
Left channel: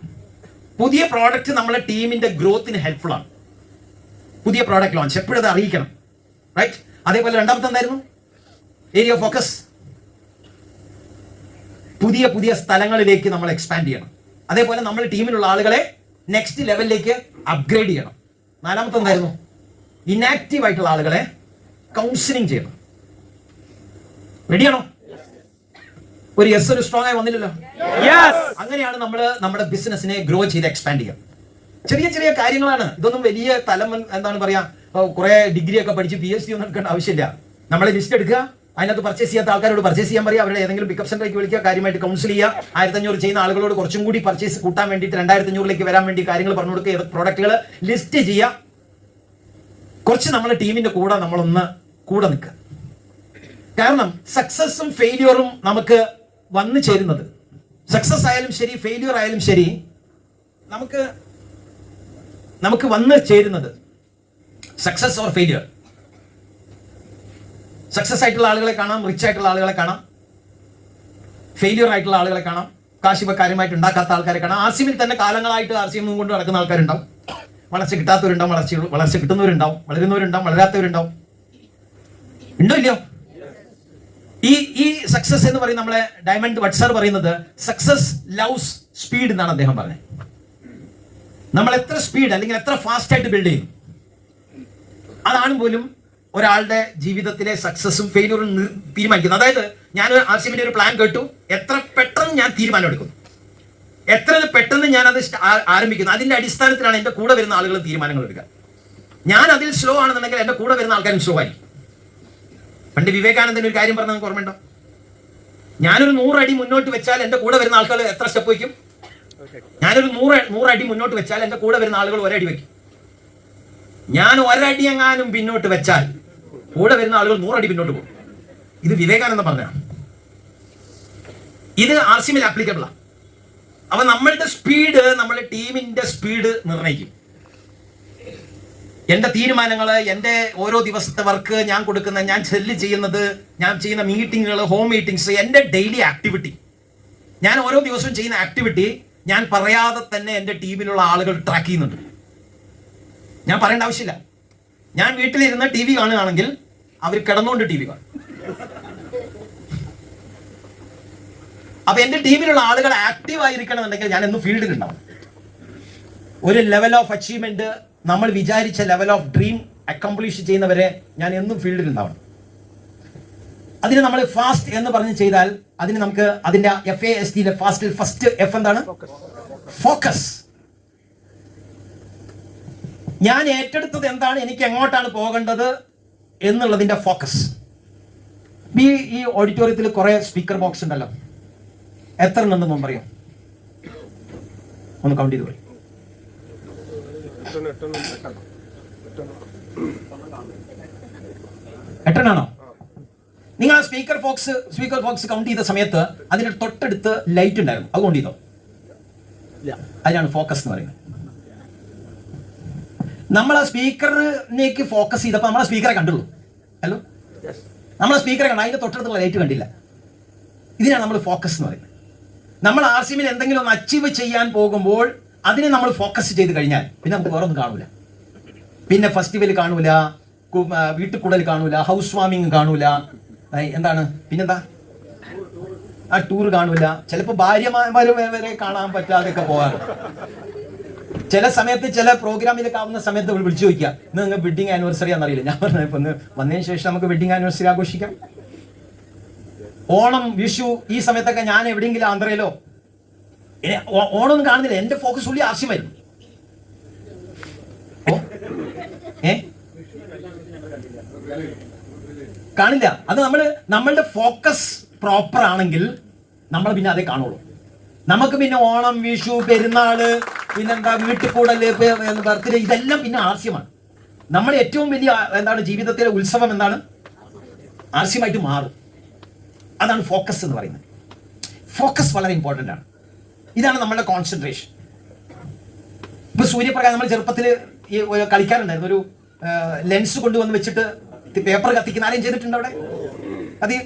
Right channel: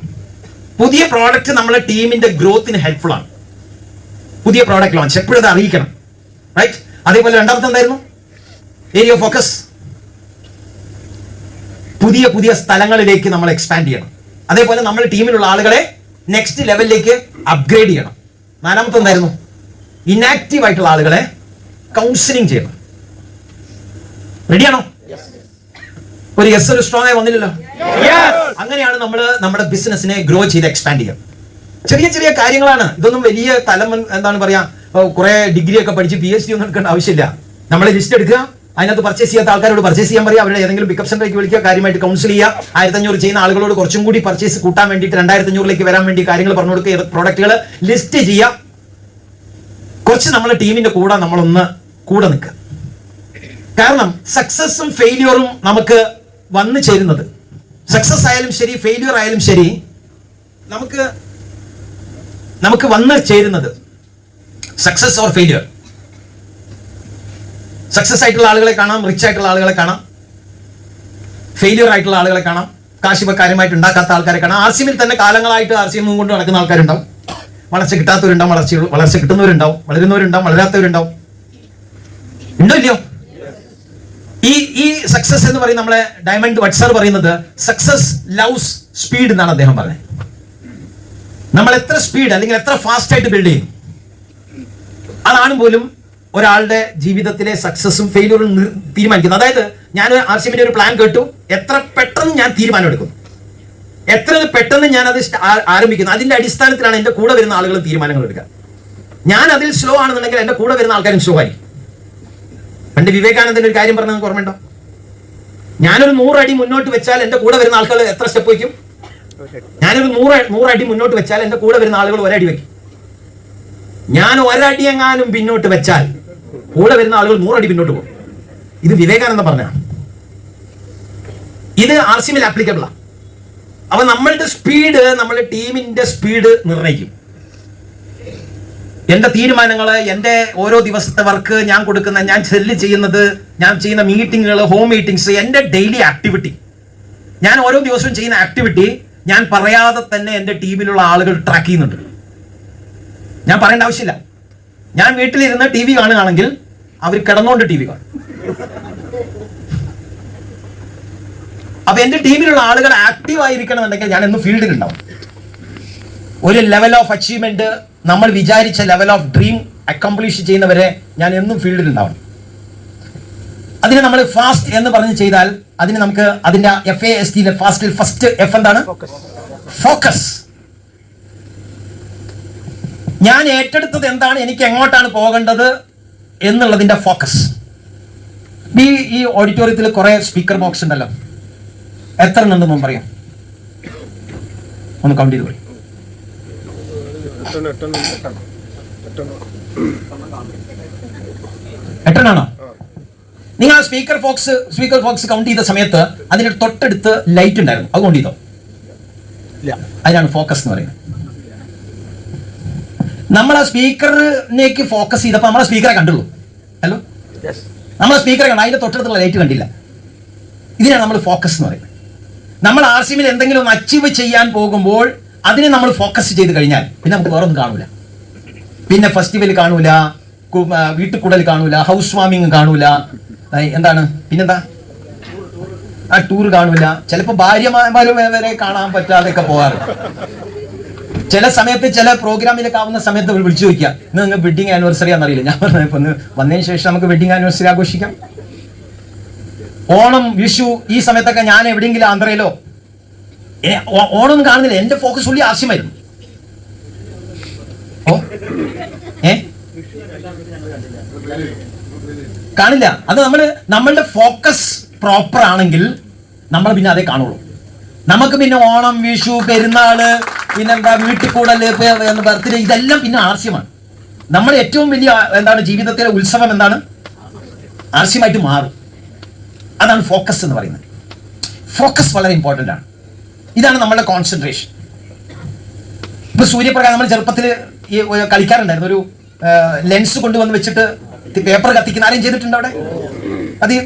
പുതിയ പ്രോഡക്റ്റ് നമ്മുടെ ടീമിന്റെ ഗ്രോത്തിന് ഹെൽപ്ഫുൾ ആണ്. പുതിയ പ്രോഡക്റ്റ് ലോഞ്ച് എപ്പോഴും അത് അറിയിക്കണം, റൈറ്റ്? അതേപോലെ രണ്ടാമത്തെ എന്തായിരുന്നു? Area of focus. പുതിയ പുതിയ സ്ഥലങ്ങളിലേക്ക് നമ്മൾ എക്സ്പാൻഡ് ചെയ്യണം. അതേപോലെ നമ്മുടെ ടീമിലുള്ള ആളുകളെ നെക്സ്റ്റ് ലെവലിലേക്ക് അപ്ഗ്രേഡ് ചെയ്യണം. നാലാമത്തെ എന്തായിരുന്നു? ഇനാക്റ്റീവ് ആയിട്ടുള്ള ആളുകളെ കൗൺസിലിംഗ് ചെയ്യണം. റെഡിയാണോ? ഒരു യെസ്, ഒരു സ്ട്രോങ് ആയി വന്നില്ലല്ലോ. അങ്ങനെയാണ് നമ്മൾ നമ്മുടെ ബിസിനസിനെ ഗ്രോ ചെയ്ത് എക്സ്പാൻഡ് ചെയ്യാം. ചെറിയ ചെറിയ കാര്യങ്ങളാണ് ഇതൊന്നും. വലിയ തലം എന്താണ് പറയാ, കുറെ ഡിഗ്രി ഒക്കെ പഠിച്ച് PhD ഒന്നും എടുക്കേണ്ട ആവശ്യമില്ല. നമ്മളെ ലിസ്റ്റ് എടുക്കുക, അതിനകത്ത് പർച്ചേസ് ചെയ്യാത്ത ആൾക്കാരോട് പർച്ചേസ് ചെയ്യാൻ പറയുക, അവരുടെ ഏതെങ്കിലും പിക്കപ്പ് സെന്ററിലേക്ക് വിളിക്കുക, കാര്യമായിട്ട് കൗൺസിൽ ചെയ്യുക. 1500 ചെയ്യുന്ന ആളുകളോട് കുറച്ചും കൂടി പർച്ചേസ് കൂട്ടാൻ വേണ്ടിയിട്ട് 2500ലേക്ക് വരാൻ വേണ്ടി കാര്യങ്ങൾ പറഞ്ഞു കൊടുക്കുക, പ്രോഡക്റ്റുകൾ ലിസ്റ്റ് ചെയ്യുക. കുറച്ച് നമ്മളെ ടീമിന്റെ നമ്മളൊന്ന് കൂടെ നിൽക്കുക. കാരണം സക്സസും ഫെയിലിയറും നമുക്ക് വന്നു ചേരുന്നത്, സക്സസ് ആയാലും ശരി ഫെയിലിയർ ആയാലും ശരി, നമുക്ക് വന്നു ചേരുന്നത് സക്സസ് ഓർ ഫെയിലിയർ. സക്സസ് ആയിട്ടുള്ള ആളുകളെ കാണാം, റിച്ച് ആയിട്ടുള്ള ആളുകളെ കാണാം, ഫെയിലിയർ ആയിട്ടുള്ള ആളുകളെ കാണാം, കാശ് കാര്യമായിട്ട് ഉണ്ടാക്കാത്ത ആൾക്കാരെ കാണാം. RCMൽ തന്നെ കാലങ്ങളായിട്ട് RCM കൊണ്ട് നടക്കുന്ന ആൾക്കാരുണ്ടാവും, വളർച്ച കിട്ടാത്തവരുണ്ടാവും, വളർച്ച കിട്ടുന്നവരുണ്ടാവും, വളരുന്നവരുണ്ടാവും, വളരാത്തവരുണ്ടാവും. ഉണ്ടോ ഇല്ലയോ? ഈ സക്സസ് എന്ന് പറയുന്നത്, നമ്മളെ ഡയമണ്ട് വട്സർ പറയുന്നത് സക്സസ് ലവ്സ് സ്പീഡ് എന്നാണ് അദ്ദേഹം പറഞ്ഞത്. നമ്മൾ എത്ര സ്പീഡ് അല്ലെങ്കിൽ എത്ര ഫാസ്റ്റ് ആയിട്ട് ബിൽഡ് ചെയ്യുന്നു, അതാണ് പോലും ഒരാളുടെ ജീവിതത്തിലെ സക്സസും ഫെയിലിയറും തീരുമാനിക്കുന്നത്. അതായത് ഞാൻ RCMന്റെ ഒരു പ്ലാൻ കേട്ടു, എത്ര പെട്ടെന്ന് ഞാൻ തീരുമാനം എടുക്കുന്നു, എത്ര പെട്ടെന്ന് ഞാൻ അത് ആരംഭിക്കുന്നു, അതിന്റെ അടിസ്ഥാനത്തിലാണ് എന്റെ കൂടെ വരുന്ന ആളുകൾ തീരുമാനങ്ങൾ എടുക്കുക. ഞാൻ അതിൽ സ്ലോ ആണെന്നുണ്ടെങ്കിൽ എന്റെ കൂടെ വരുന്ന ആൾക്കാരും സ്ലോ ആയിരിക്കും. പണ്ട് വിവേകാനന്ദന്റെ ഒരു കാര്യം പറഞ്ഞത് ഓർമ്മയുണ്ടോ? ഞാനൊരു 100 അടി മുന്നോട്ട് വെച്ചാൽ എന്റെ കൂടെ വരുന്ന ആൾക്കാർ എത്ര സ്റ്റെപ്പ് വയ്ക്കും? ഞാനൊരു 100 അടി മുന്നോട്ട് വെച്ചാൽ എന്റെ കൂടെ വരുന്ന ആളുകൾ 1 അടി വയ്ക്കും. ഞാൻ 1 അടി എങ്ങാനും പിന്നോട്ട് വെച്ചാൽ കൂടെ വരുന്ന ആളുകൾ 100 അടി പിന്നോട്ട് പോകും. ഇത് വിവേകാനന്ദ പറഞ്ഞാണ്. ഇത് RCMൽ ആപ്ലിക്കബിൾ ആണ്. അപ്പൊ നമ്മളുടെ സ്പീഡ് നമ്മുടെ ടീമിന്റെ സ്പീഡ് നിർണ്ണയിക്കും. എന്റെ തീരുമാനങ്ങള്, എന്റെ ഓരോ ദിവസത്തെ വർക്ക്, ഞാൻ കൊടുക്കുന്ന, ഞാൻ സെല്ല് ചെയ്യുന്നത്, ഞാൻ ചെയ്യുന്ന മീറ്റിങ്ങുകൾ, ഹോം മീറ്റിംഗ്സ്, എന്റെ ഡെയിലി ആക്ടിവിറ്റി, ഞാൻ ഓരോ ദിവസവും ചെയ്യുന്ന ആക്ടിവിറ്റി ഞാൻ പറയാതെ തന്നെ എന്റെ ടീമിലുള്ള ആളുകൾ ട്രാക്ക് ചെയ്യുന്നുണ്ട്. ഞാൻ പറയേണ്ട ആവശ്യമില്ല. ഞാൻ വീട്ടിലിരുന്ന് TV കാണുകയാണെങ്കിൽ അവർ കിടന്നുകൊണ്ട് TV കാണും. അപ്പൊ എന്റെ ടീമിലുള്ള ആളുകൾ ആക്റ്റീവ് ആയിരിക്കണമെന്നുണ്ടെങ്കിൽ ഞാൻ എന്നും ഫീൽഡിൽ ഉണ്ടാവും. ഒരു ലെവൽ ഓഫ് അച്ചീവ്മെന്റ്, നമ്മൾ വിചാരിച്ച ലെവൽ ഓഫ് ഡ്രീം അക്കംപ്ലിഷ് ചെയ്യുന്നവരെ ഞാൻ എന്നും ഫീൽഡിൽ ഉണ്ടാവണം. അതിന് നമ്മൾ ഫാസ്റ്റ് എന്ന് പറഞ്ഞ് ചെയ്താൽ അതിന് നമുക്ക് അതിന്റെ FAST ഫാസ്റ്റിൽ ഫസ്റ്റ് F എന്താണ്? ഫോക്കസ്. ഞാൻ ഏറ്റെടുത്തത് എന്താണ്, എനിക്ക് എങ്ങോട്ടാണ് പോകേണ്ടത് എന്നുള്ളതിന്റെ ഫോക്കസ്. ഈ ഓഡിറ്റോറിയത്തിൽ കുറെ സ്പീക്കർ ബോക്സ് ഉണ്ടല്ലോ, എത്ര ഉണ്ടെന്നും പറയും? ഒന്ന് കൗണ്ട് ചെയ്ത് പറയും. 8 നിങ്ങൾ ആ സ്പീക്കർ ബോക്സ് കൗണ്ട് ചെയ്ത സമയത്ത് അതിന്റെ തൊട്ടടുത്ത് ലൈറ്റ് ഉണ്ടായിരുന്നു, അത് കൗണ്ട് ചെയ്തോ? അതിനാണ് ഫോക്കസ് എന്ന് പറയുന്നത്. നമ്മൾ ആ സ്പീക്കറിലേക്ക് ഫോക്കസ് ചെയ്തപ്പോൾ നമ്മളെ സ്പീക്കറെ കണ്ടുള്ളൂ. ഹലോ, നമ്മളെ സ്പീക്കറെ കണ്ട, അതിന്റെ തൊട്ടടുത്തുള്ള ലൈറ്റ് കണ്ടില്ല. ഇതിനാണ് നമ്മൾ ഫോക്കസ് എന്ന് പറയുന്നത്. നമ്മൾ RCMൽ എന്തെങ്കിലും ഒന്ന് അച്ചീവ് ചെയ്യാൻ പോകുമ്പോൾ അതിനെ നമ്മൾ ഫോക്കസ് ചെയ്ത് കഴിഞ്ഞാൽ പിന്നെ നമുക്ക് വേറെ ഒന്നും കാണൂല. പിന്നെ ഫെസ്റ്റിവൽ കാണൂല, വീട്ടുകൂടൽ കാണൂല, ഹൗസ് വാമിങ് കാണൂല, എന്താണ് പിന്നെന്താ, ആ ടൂർ കാണൂല. ചിലപ്പോൾ ഭാര്യമാര് വരെ കാണാൻ പറ്റാതെയൊക്കെ പോകാറ്. ചില സമയത്ത് ചില പ്രോഗ്രാമിലൊക്കെ ആവുന്ന സമയത്ത് വിളിച്ചു ചോദിക്കുക, ഇന്ന് നിങ്ങൾ വെഡിങ് ആനിവേഴ്സറി ആണെന്നറിയില്ല. ഞാൻ പറഞ്ഞു, ഇപ്പൊ വന്നതിന് ശേഷം നമുക്ക് വെഡിങ് ആനിവേഴ്സറി ആഘോഷിക്കാം. ഓണം, വിഷു ഈ സമയത്തൊക്കെ ഞാൻ എവിടെയെങ്കിലും ആന്ധ്രയിലോ ഓണമൊന്നും കാണുന്നില്ല. എന്റെ ഫോക്കസ് ഫുള്ളി ആവശ്യമായിരുന്നു. കാണില്ല. അത് നമ്മളുടെ ഫോക്കസ് പ്രോപ്പർ ആണെങ്കിൽ നമ്മൾ പിന്നെ അതേ കാണുള്ളൂ. നമുക്ക് പിന്നെ ഓണം, വിഷു, പെരുന്നാള്, പിന്നെന്താ വീട്ടിൽ കൂടല്, ബർത്ത്ഡേ, ഇതെല്ലാം പിന്നെ ആവശ്യമാണ്. നമ്മുടെ ഏറ്റവും വലിയ ജീവിതത്തിലെ ഉത്സവം എന്താണ്? ആവശ്യമായിട്ട് മാറും. അതാണ് ഫോക്കസ് എന്ന് പറയുന്നത്. ഫോക്കസ് വളരെ ഇമ്പോർട്ടൻ്റ് ആണ്. ഇതാണ് നമ്മളുടെ കോൺസെൻട്രേഷൻ. ഇപ്പൊ സൂര്യപ്രകാശം നമ്മൾ ചെറുപ്പത്തിൽ കളിക്കാറുണ്ടായിരുന്നു. ഒരു ലെൻസ് കൊണ്ടുവന്ന് വെച്ചിട്ട് പേപ്പർ കത്തിക്കുന്ന ആരെയും ചെയ്തിട്ടുണ്ടോ? അവിടെ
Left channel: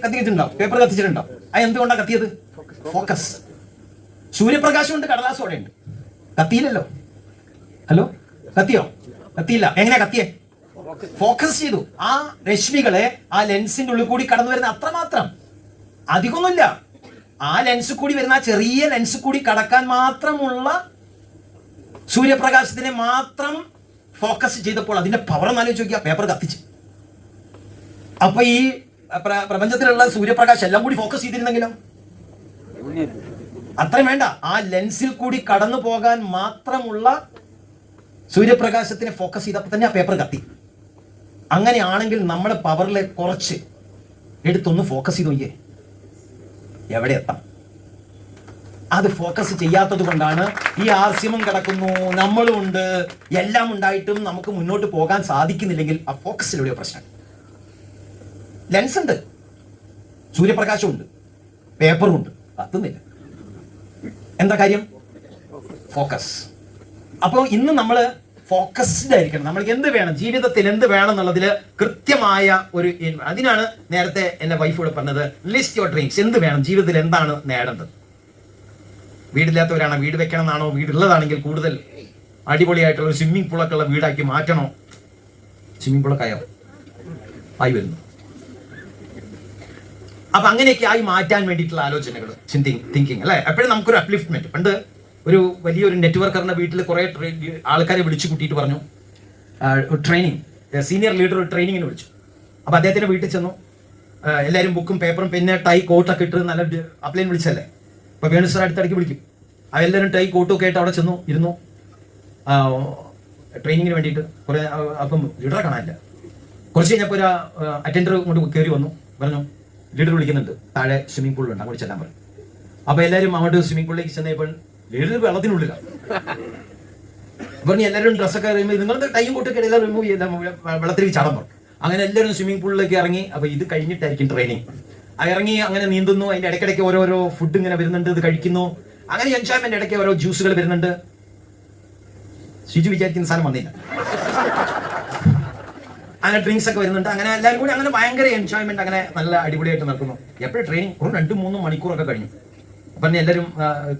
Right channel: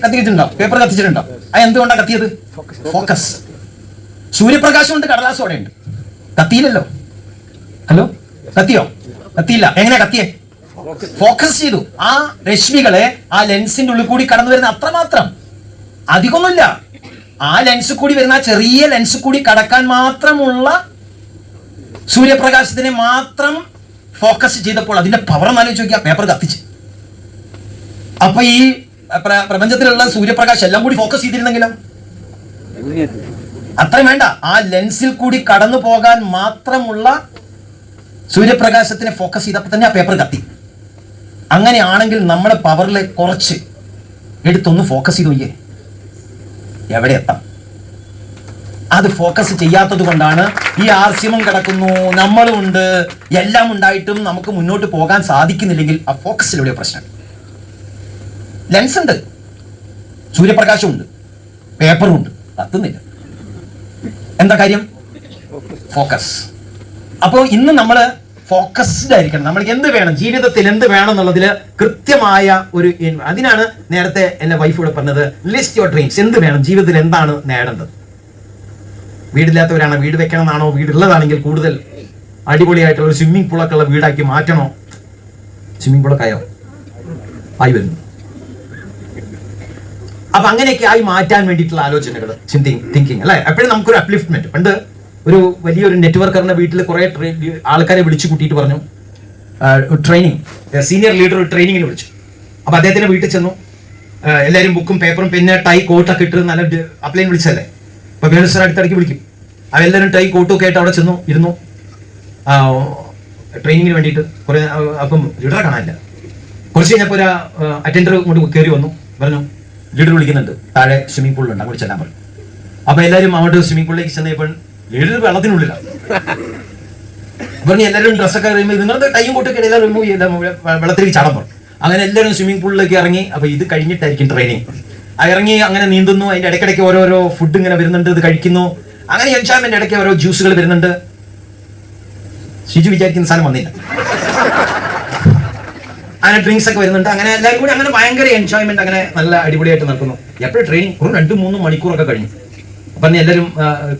കത്തിച്ചിട്ടുണ്ടോ? പേപ്പർ കത്തിച്ചിട്ടുണ്ടോ? അത് എന്തുകൊണ്ടാണ് കത്തിയത്? ഫോക്കസ്. സൂര്യപ്രകാശം ഉണ്ട്, കടലാസം അവിടെ ഉണ്ട്. കത്തിയില്ലല്ലോ. ഹലോ, കത്തിയോ? കത്തിയില്ല. എങ്ങനെയാ കത്തിയേ? ഫോക്കസ് ചെയ്തു. ആ രശ്മികളെ ആ ലെൻസിന്റെ ഉള്ളിൽ കൂടി കടന്നു വരുന്ന അത്രമാത്രം, അധികമൊന്നുമില്ല. ആ ലെൻസ് കൂടി വരുന്ന ആ ചെറിയ ലെൻസ് കൂടി കടക്കാൻ മാത്രമുള്ള സൂര്യപ്രകാശത്തിനെ മാത്രം ഫോക്കസ് ചെയ്തപ്പോൾ അതിന്റെ പവർ ആലോചിച്ച് നോക്കിയാൽ പേപ്പർ കത്തിച്ച്. അപ്പൊ ഈ പ്രപഞ്ചത്തിലുള്ള സൂര്യപ്രകാശം എല്ലാം കൂടി ഫോക്കസ് ചെയ്തിരുന്നെങ്കിലോ? അത്രയും വേണ്ട. ആ ലെൻസിൽ കൂടി കടന്നു പോകാൻ മാത്രമുള്ള സൂര്യപ്രകാശത്തിനെ ഫോക്കസ് ചെയ്തപ്പോൾ തന്നെ ആ പേപ്പർ കത്തി. അങ്ങനെയാണെങ്കിൽ നമ്മുടെ പവറിലെ കുറച്ച് എടുത്തൊന്ന് ഫോക്കസ് ചെയ്ത് നോക്കിയേ, എവിടെ എത്താം? അത് ഫോക്കസ് ചെയ്യാത്തത് കൊണ്ടാണ് ഈ ആർസിമം കിടക്കുന്നു, നമ്മളും ഉണ്ട്, എല്ലാം ഉണ്ടായിട്ടും നമുക്ക് മുന്നോട്ട് പോകാൻ സാധിക്കുന്നില്ലെങ്കിൽ ആ ഫോക്കസിലൂടെ പ്രശ്നം. ലെൻസ് ഉണ്ട്, സൂര്യപ്രകാശമുണ്ട്, പേപ്പറും ഉണ്ട്, കത്തുന്നില്ല. എന്താ കാര്യം? ഫോക്കസ്. അപ്പോൾ ഇന്ന് നമ്മൾ ഫോക്കസ്ഡ് ആയിരിക്കണം. നമ്മൾക്ക് എന്ത് വേണം, ജീവിതത്തിൽ എന്ത് വേണം എന്നുള്ളതിൽ കൃത്യമായ ഒരു, അതിനാണ് നേരത്തെ എന്റെ വൈഫ് ഇവിടെ പറഞ്ഞത്, ലിസ്റ്റ് യുവർ ഡ്രീംസ്. എന്ത് വേണം ജീവിതത്തിൽ, എന്താണ് നേടേണ്ടത്? വീടില്ലാത്തവരാണോ വീട് വെക്കണം എന്നാണോ? വീടുള്ളതാണെങ്കിൽ കൂടുതൽ അടിപൊളിയായിട്ടുള്ള ഒരു സ്വിമ്മിംഗ് പൂളൊക്കെ ഉള്ള വീടാക്കി മാറ്റണോ? സ്വിമ്മിംഗ് പൂളൊക്കെ ആയോ? ആയി വരുന്നു. അപ്പൊ അങ്ങനെയൊക്കെ ആയി മാറ്റാൻ വേണ്ടിയിട്ടുള്ള ആലോചനകൾ, തിങ്കിങ് അല്ലെ? എപ്പോഴും നമുക്കൊരു അപ്ലിഫ്റ്റ്മെന്റ്. പണ്ട് ഒരു വലിയൊരു നെറ്റ്വർക്കറിന്റെ വീട്ടിൽ കുറെ ആൾക്കാരെ വിളിച്ചു കൂട്ടിയിട്ട് പറഞ്ഞു, ട്രെയിനിങ്, സീനിയർ ലീഡർ ഒരു ട്രെയിനിങ്ങിന് വിളിച്ചു. അപ്പൊ അദ്ദേഹത്തിന്റെ വീട്ടിൽ ചെന്നു. എല്ലാവരും ബുക്കും പേപ്പറും പിന്നെ ടൈ കോട്ടൊക്കെ ഇട്ട് നല്ല അപ്ലൈൻ വിളിച്ചല്ലേ. അപ്പൊ വേണു സാർ അടുത്തിടയ്ക്ക് വിളിക്കും. അവരെല്ലാവരും ടൈ കോട്ടും ഒക്കെ ആയിട്ട് അവിടെ ചെന്നു ഇരുന്നു ട്രെയിനിങ്ങിന് വേണ്ടിയിട്ട്. കുറെ അപ്പം ലീഡറെ കാണാനില്ല. കുറച്ച് കഴിഞ്ഞപ്പോൾ ഒരു അറ്റൻഡർ കൊണ്ട് കയറി വന്നു, പറഞ്ഞു ലീഡർ വിളിക്കുന്നുണ്ട്, താഴെ സ്വിമ്മിംഗ് പൂളിലുണ്ട്, അങ്ങോട്ട് ചെല്ലാൻ പറഞ്ഞു. അപ്പൊ എല്ലാവരും അങ്ങോട്ട് സ്വിമ്മിംഗ് പൂളിലേക്ക് ചെന്നപ്പോൾ ലീഡർ വെള്ളത്തിനുള്ളിലാണ്. പറഞ്ഞു എല്ലാവരും ഡ്രസ്സൊക്കെ കഴിയുമ്പോൾ നിങ്ങളുടെ ടൈം കൊട്ടൊക്കെ എല്ലാവരും റിമൂവ് ചെയ്താൽ വെള്ളത്തിലേക്ക് ചാടാൻ പറഞ്ഞു. അങ്ങനെ എല്ലാവരും സ്വിമ്മിംഗ് പൂളിലേക്ക് ഇറങ്ങി. അപ്പൊ ഇത് കഴിഞ്ഞിട്ടായിരിക്കും ട്രെയിനിങ്. ഇറങ്ങി അങ്ങനെ നീന്തുന്നു. അതിന്റെ ഇടയ്ക്കിടയ്ക്ക് ഓരോരോ ഫുഡ് ഇങ്ങനെ വരുന്നുണ്ട്, ഇത് കഴിക്കുന്നു. അങ്ങനെ എൻജോയ്മെന്റ്, ഇടയ്ക്ക് ഓരോ ജ്യൂസുകൾ വരുന്നുണ്ട്. ഷിജു വിചാരിക്കുന്ന സാധനം വന്നില്ല. അങ്ങനെ ഡ്രിങ്ക്സ് ഒക്കെ വരുന്നുണ്ട്. അങ്ങനെ എല്ലാവരും കൂടി അങ്ങനെ ഭയങ്കര എൻജോയ്മെന്റ്, അങ്ങനെ നല്ല അടിപൊളിയായിട്ട് നടക്കുന്നു. എപ്പോഴും ട്രെയിനിങ് ഒരു 2-3 മണിക്കൂറൊക്കെ കഴിഞ്ഞു. അപ്പൊ എല്ലാവരും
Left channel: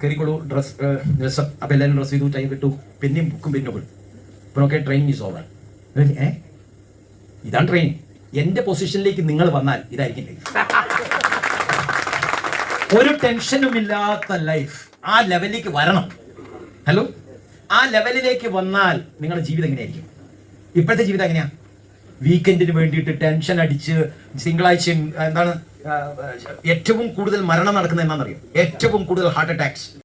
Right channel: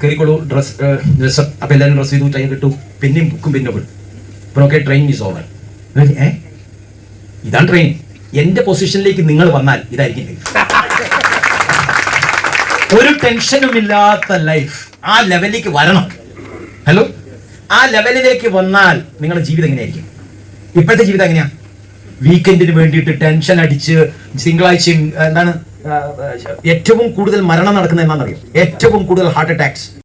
കയറിക്കോളൂ, ഡ്രസ്. അപ്പൊ എല്ലാവരും ഡ്രസ് ചെയ്തു, ടൈം കിട്ടു, പിന്നെയും ബുക്കും പിന്നെ വിടും. ഇപ്പോഴൊക്കെ ട്രെയിനിങ് ഈസ് ഓവർ. ഇതാണ് ട്രെയിനിങ്. എന്റെ പൊസിഷനിലേക്ക് നിങ്ങൾ വന്നാൽ ഇതായിരിക്കും ഒരു ടെൻഷനും ഇല്ലാത്ത ലൈഫ്. ആ ലെവലിലേക്ക് വരണം. ഹലോ, ആ ലെവലിലേക്ക് വന്നാൽ നിങ്ങളുടെ ജീവിതം എങ്ങനെയായിരിക്കും? ഇപ്പോഴത്തെ ജീവിതം എങ്ങനെയാ? വീക്കെൻഡിന് വേണ്ടിയിട്ട് ടെൻഷൻ അടിച്ച് തിങ്കളാഴ്ചയും ഏറ്റവും കൂടുതൽ മരണം നടക്കുന്നത് എന്താണെന്നറിയോ? ഏറ്റവും കൂടുതൽ ഹാർട്ട് അറ്റാക്സ്